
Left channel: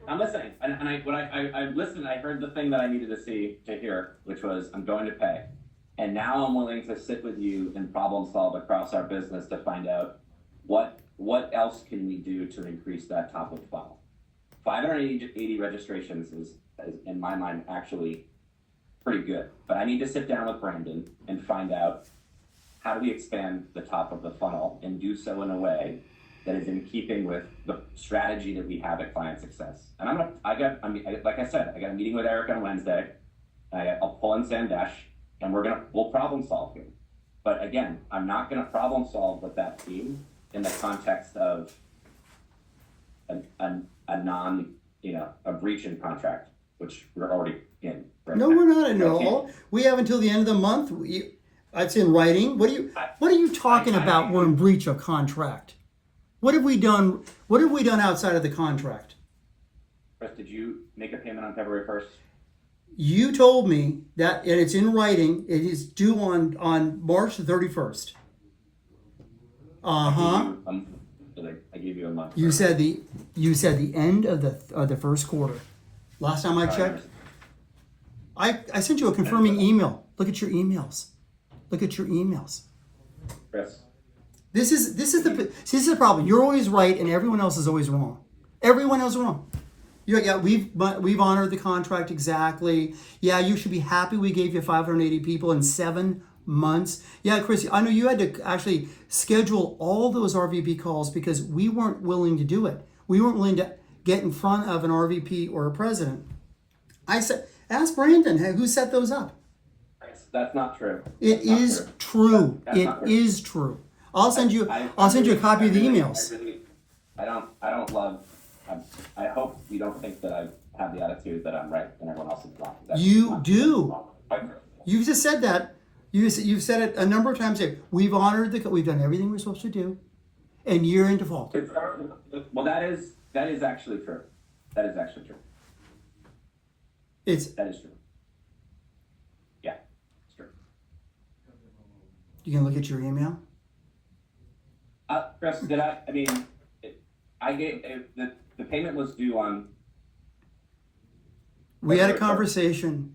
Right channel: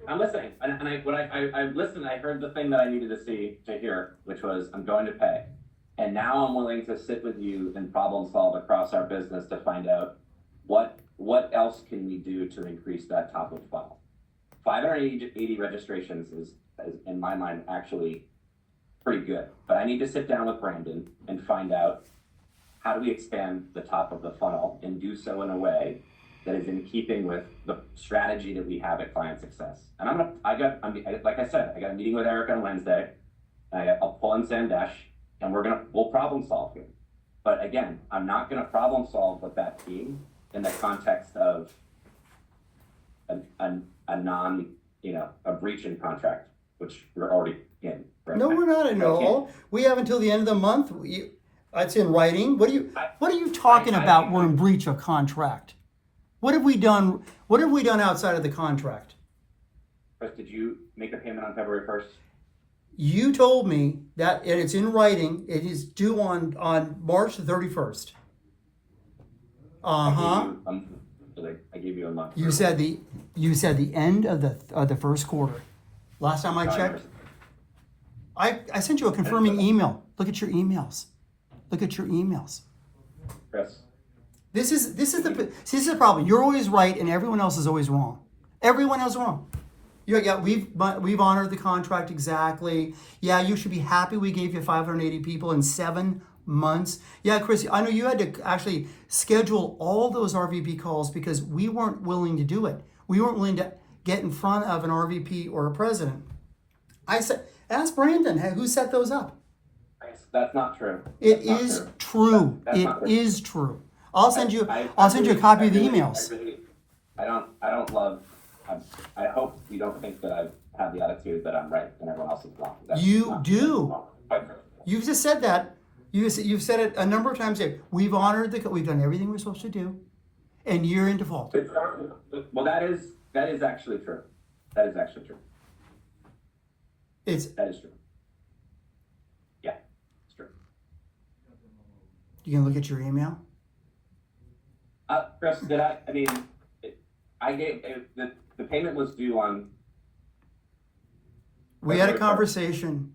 I listened. I heard the thing that I needed to hear, which was I'm going to pay. And now I'm willing to sit with you and problem solve across our business to find out what else can we do to increase that top of funnel. 580 registrations is in my mind actually pretty good, but I need to sit down with Brandon and find out how do we expand the top of the funnel and do so in a way that is in keeping with the strategy that we have at Client Success. And like I said, I got a meeting with Eric on Wednesday. I'll pull in Sandesh and we'll problem solve here. But again, I'm not going to problem solve with that team in the context of a breach in contract, which we're already in. Right No, now. we're not in all. We have until the end of the month. It's in writing. What are you talking about? We're in breach of contract. What have we done? What have we done outside of the contract? Chris, did you make a payment on February 1st? You told me that it's in writing. It is due on March 31st. I gave you a month. You said the end of the first quarter. Last time I checked, I sent you a confirming email. Look at your emails. Chris. This is the problem. You're always right, and everyone else is always wrong. Everyone else is wrong. We've honored the contract exactly. Yeah, you should be happy we gave you 580 people in 7 months. Yeah, Chris, I know you had to actually schedule all those RVP calls because we weren't willing to do it. We weren't willing to get in front of an RVP or a president I said, ask Brandon, who set those up? That's not true. It That's not is true. true. That's It not true. is true. I'll send you I a copy of the emails. I don't love, I hope you don't think that I have the attitude that I'm right and everyone else is wrong. That's You not do. true. You've just said that. You've said it a number of times here. We've honored we've done everything we're supposed to do, and you're in default. Well, that is actually true. That is actually true. That is true. Yeah, it's true. You can look at your email. Chris, I gave, the payment was due on. We had a conversation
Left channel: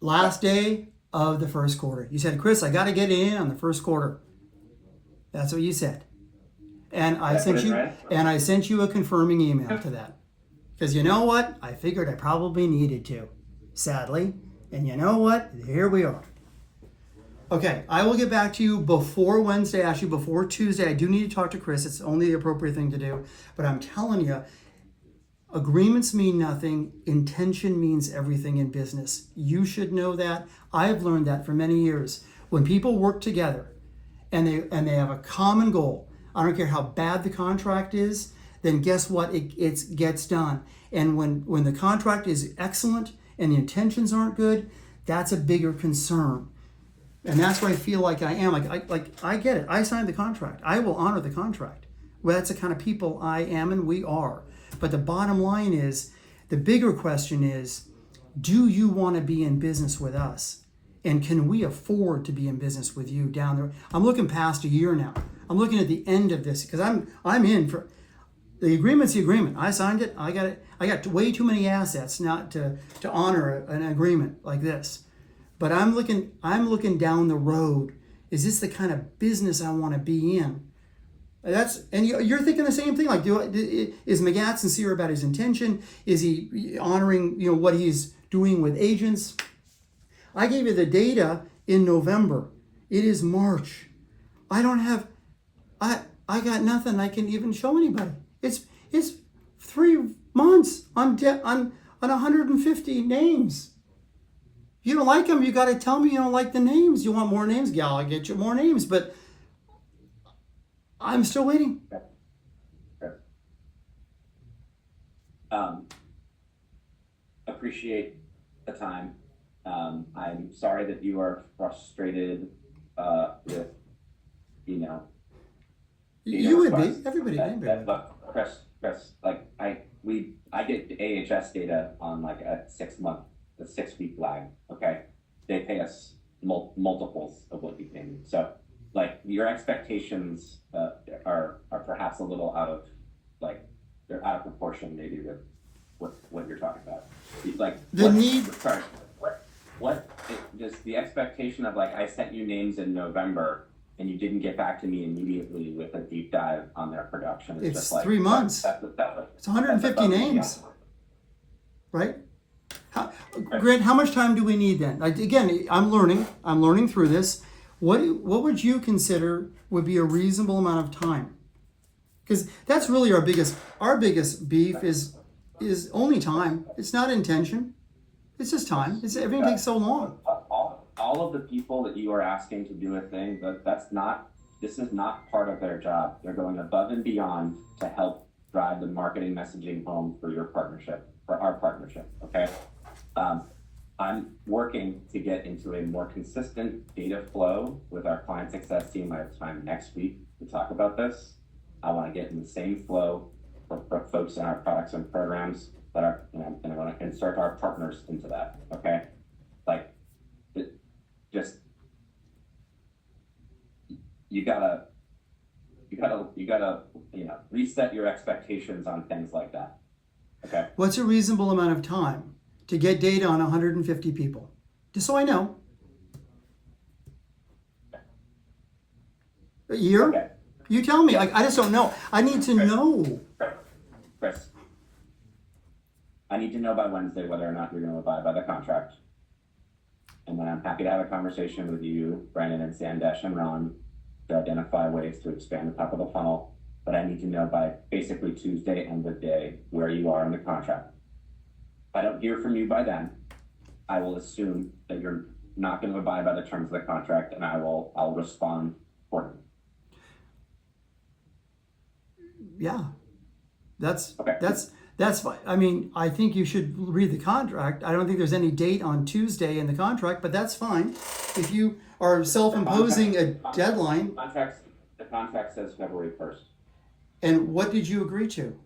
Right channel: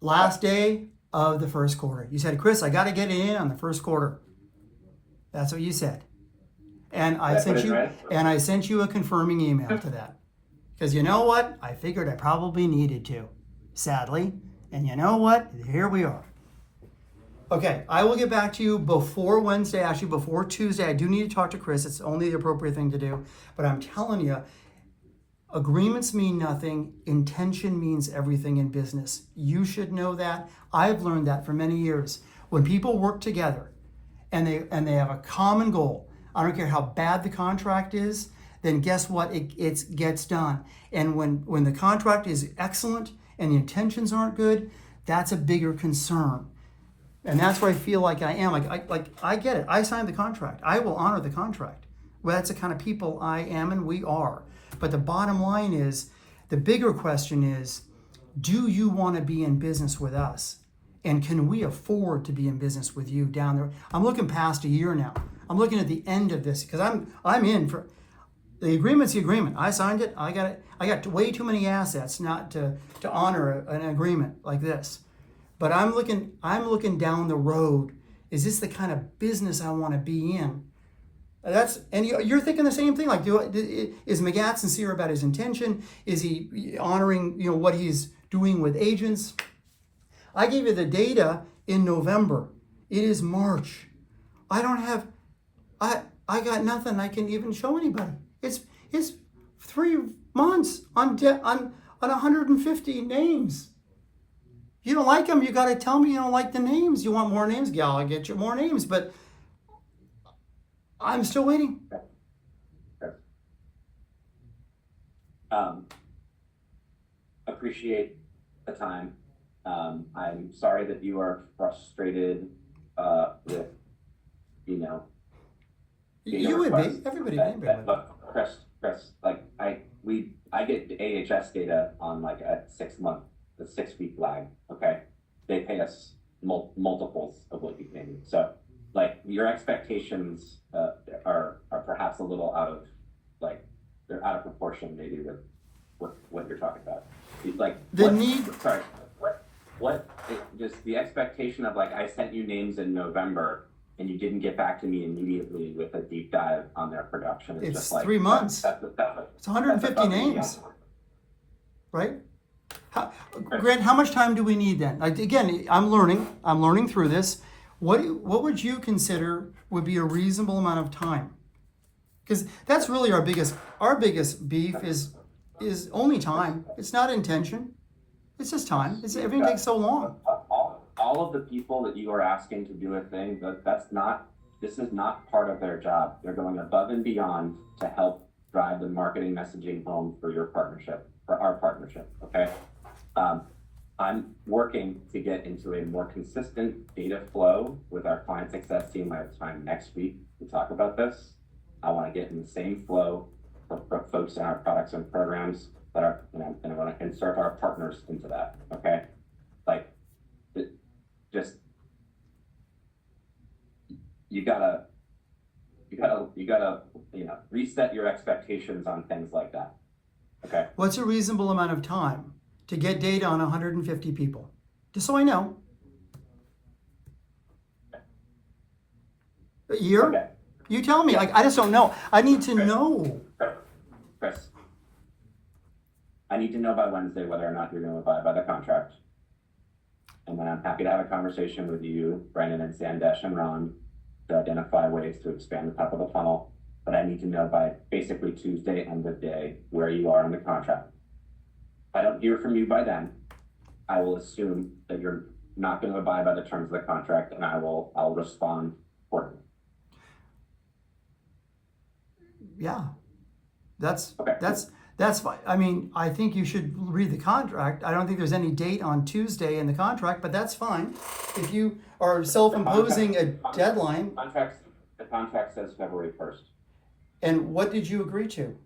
last day of the first quarter. You said, Chris, I got to get it in on the first quarter. That's what you said. And I sent you a confirming email to that. Because you know what? I figured I probably needed to, sadly. And you know what? Here we are. Okay, I will get back to you before Wednesday, actually before Tuesday. I do need to talk to Chris. It's only the appropriate thing to do. But I'm telling you, agreements mean nothing. Intention means everything in business. You should know that. I've learned that for many years. When people work together and they have a common goal, I don't care how bad the contract is, then guess what? It gets done. And when the contract is excellent and the intentions aren't good, that's a bigger concern. And that's what I feel like I am. I get it. I signed the contract. I will honor the contract. Well, that's the kind of people I am and we are. But the bottom line is, the bigger question is, do you want to be in business with us? And can we afford to be in business with you down there? I'm looking past a year now. I'm looking at the end of this because I'm in for the agreement's the agreement. I signed it. I got way too many assets not to honor an agreement like this. But I'm looking down the road. Is this the kind of business I want to be in? And you're thinking the same thing. Like, is McGatt sincere about his intention? Is he honoring what he's doing with agents? I gave you the data in November. It is March. I got nothing I can even show anybody. It's 3 months on 150 names. You don't like them, you got to tell me you don't like the names. You want more names? Yeah, I'll get you more names, but I'm still waiting. Appreciate the time. I'm sorry that you are frustrated with, You would be. Everybody would be. Look, Chris, I get the AHS data on like a 6-week lag. Okay, they pay us multiples of what you pay me. So, like, your expectations are perhaps a little they're out of proportion maybe with what you're talking about. Like just the expectation of I sent you names in November and you didn't get back to me immediately with a deep dive on their production. It's just 3 months. It's 150 names, right? Grant, how much time do we need then? Again, I'm learning through this. What would you consider would be a reasonable amount of time? Because that's really our biggest beef is only time. It's not intention. It's just time. Everything takes so long. All of the people that you are asking to do a thing, this is not part of their job. They're going above and beyond to help drive the marketing messaging home for your partnership, for our partnership, okay? I'm working to get into a more consistent data flow with our client success team. I have time next week to talk about this. I want to get in the same flow for folks in our products and programs that are, and I want to insert our partners into that, okay? You gotta reset your expectations on things like that, okay? What's a reasonable amount of time to get data on 150 people? Just so I know. A year? Okay. You tell me. I just don't know. I need to know. Chris, I need to know by Wednesday whether or not you're going to abide by the contract. And then I'm happy to have a conversation with you, Brandon and Sandesh and Ron, to identify ways to expand the top of the funnel. But I need to know by basically Tuesday end of day where you are on the contract. I don't hear from you by then, I will assume that you're not gonna abide by the terms of the contract, and I'll respond accordingly. Yeah, that's Okay. that's fine. I mean, I think you should read the contract. I don't think there's any date on Tuesday in the contract, but that's fine. If you are self-imposing a deadline, The contract says February 1st. and what did you agree to?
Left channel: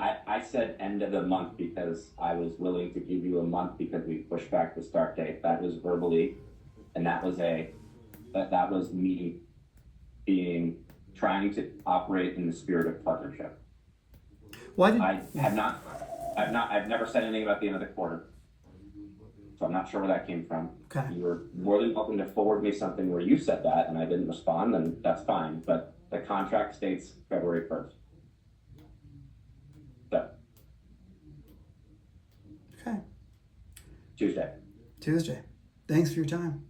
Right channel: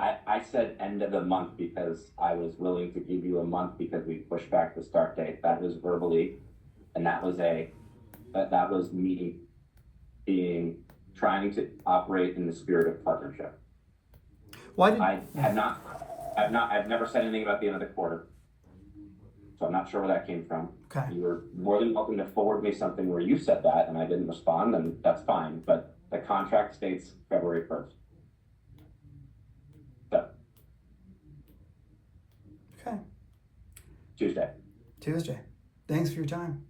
I said end of the month because I was willing to give you a month because we pushed back the start date. That was verbally, and that was me trying to operate in the spirit of partnership. Why did I've never said anything about the end of the quarter. So I'm not sure where that came from. Okay. You were more than welcome to forward me something where you said that and I didn't respond, and that's fine, but the contract states February 1st. So, Okay, Tuesday. Thanks for your time.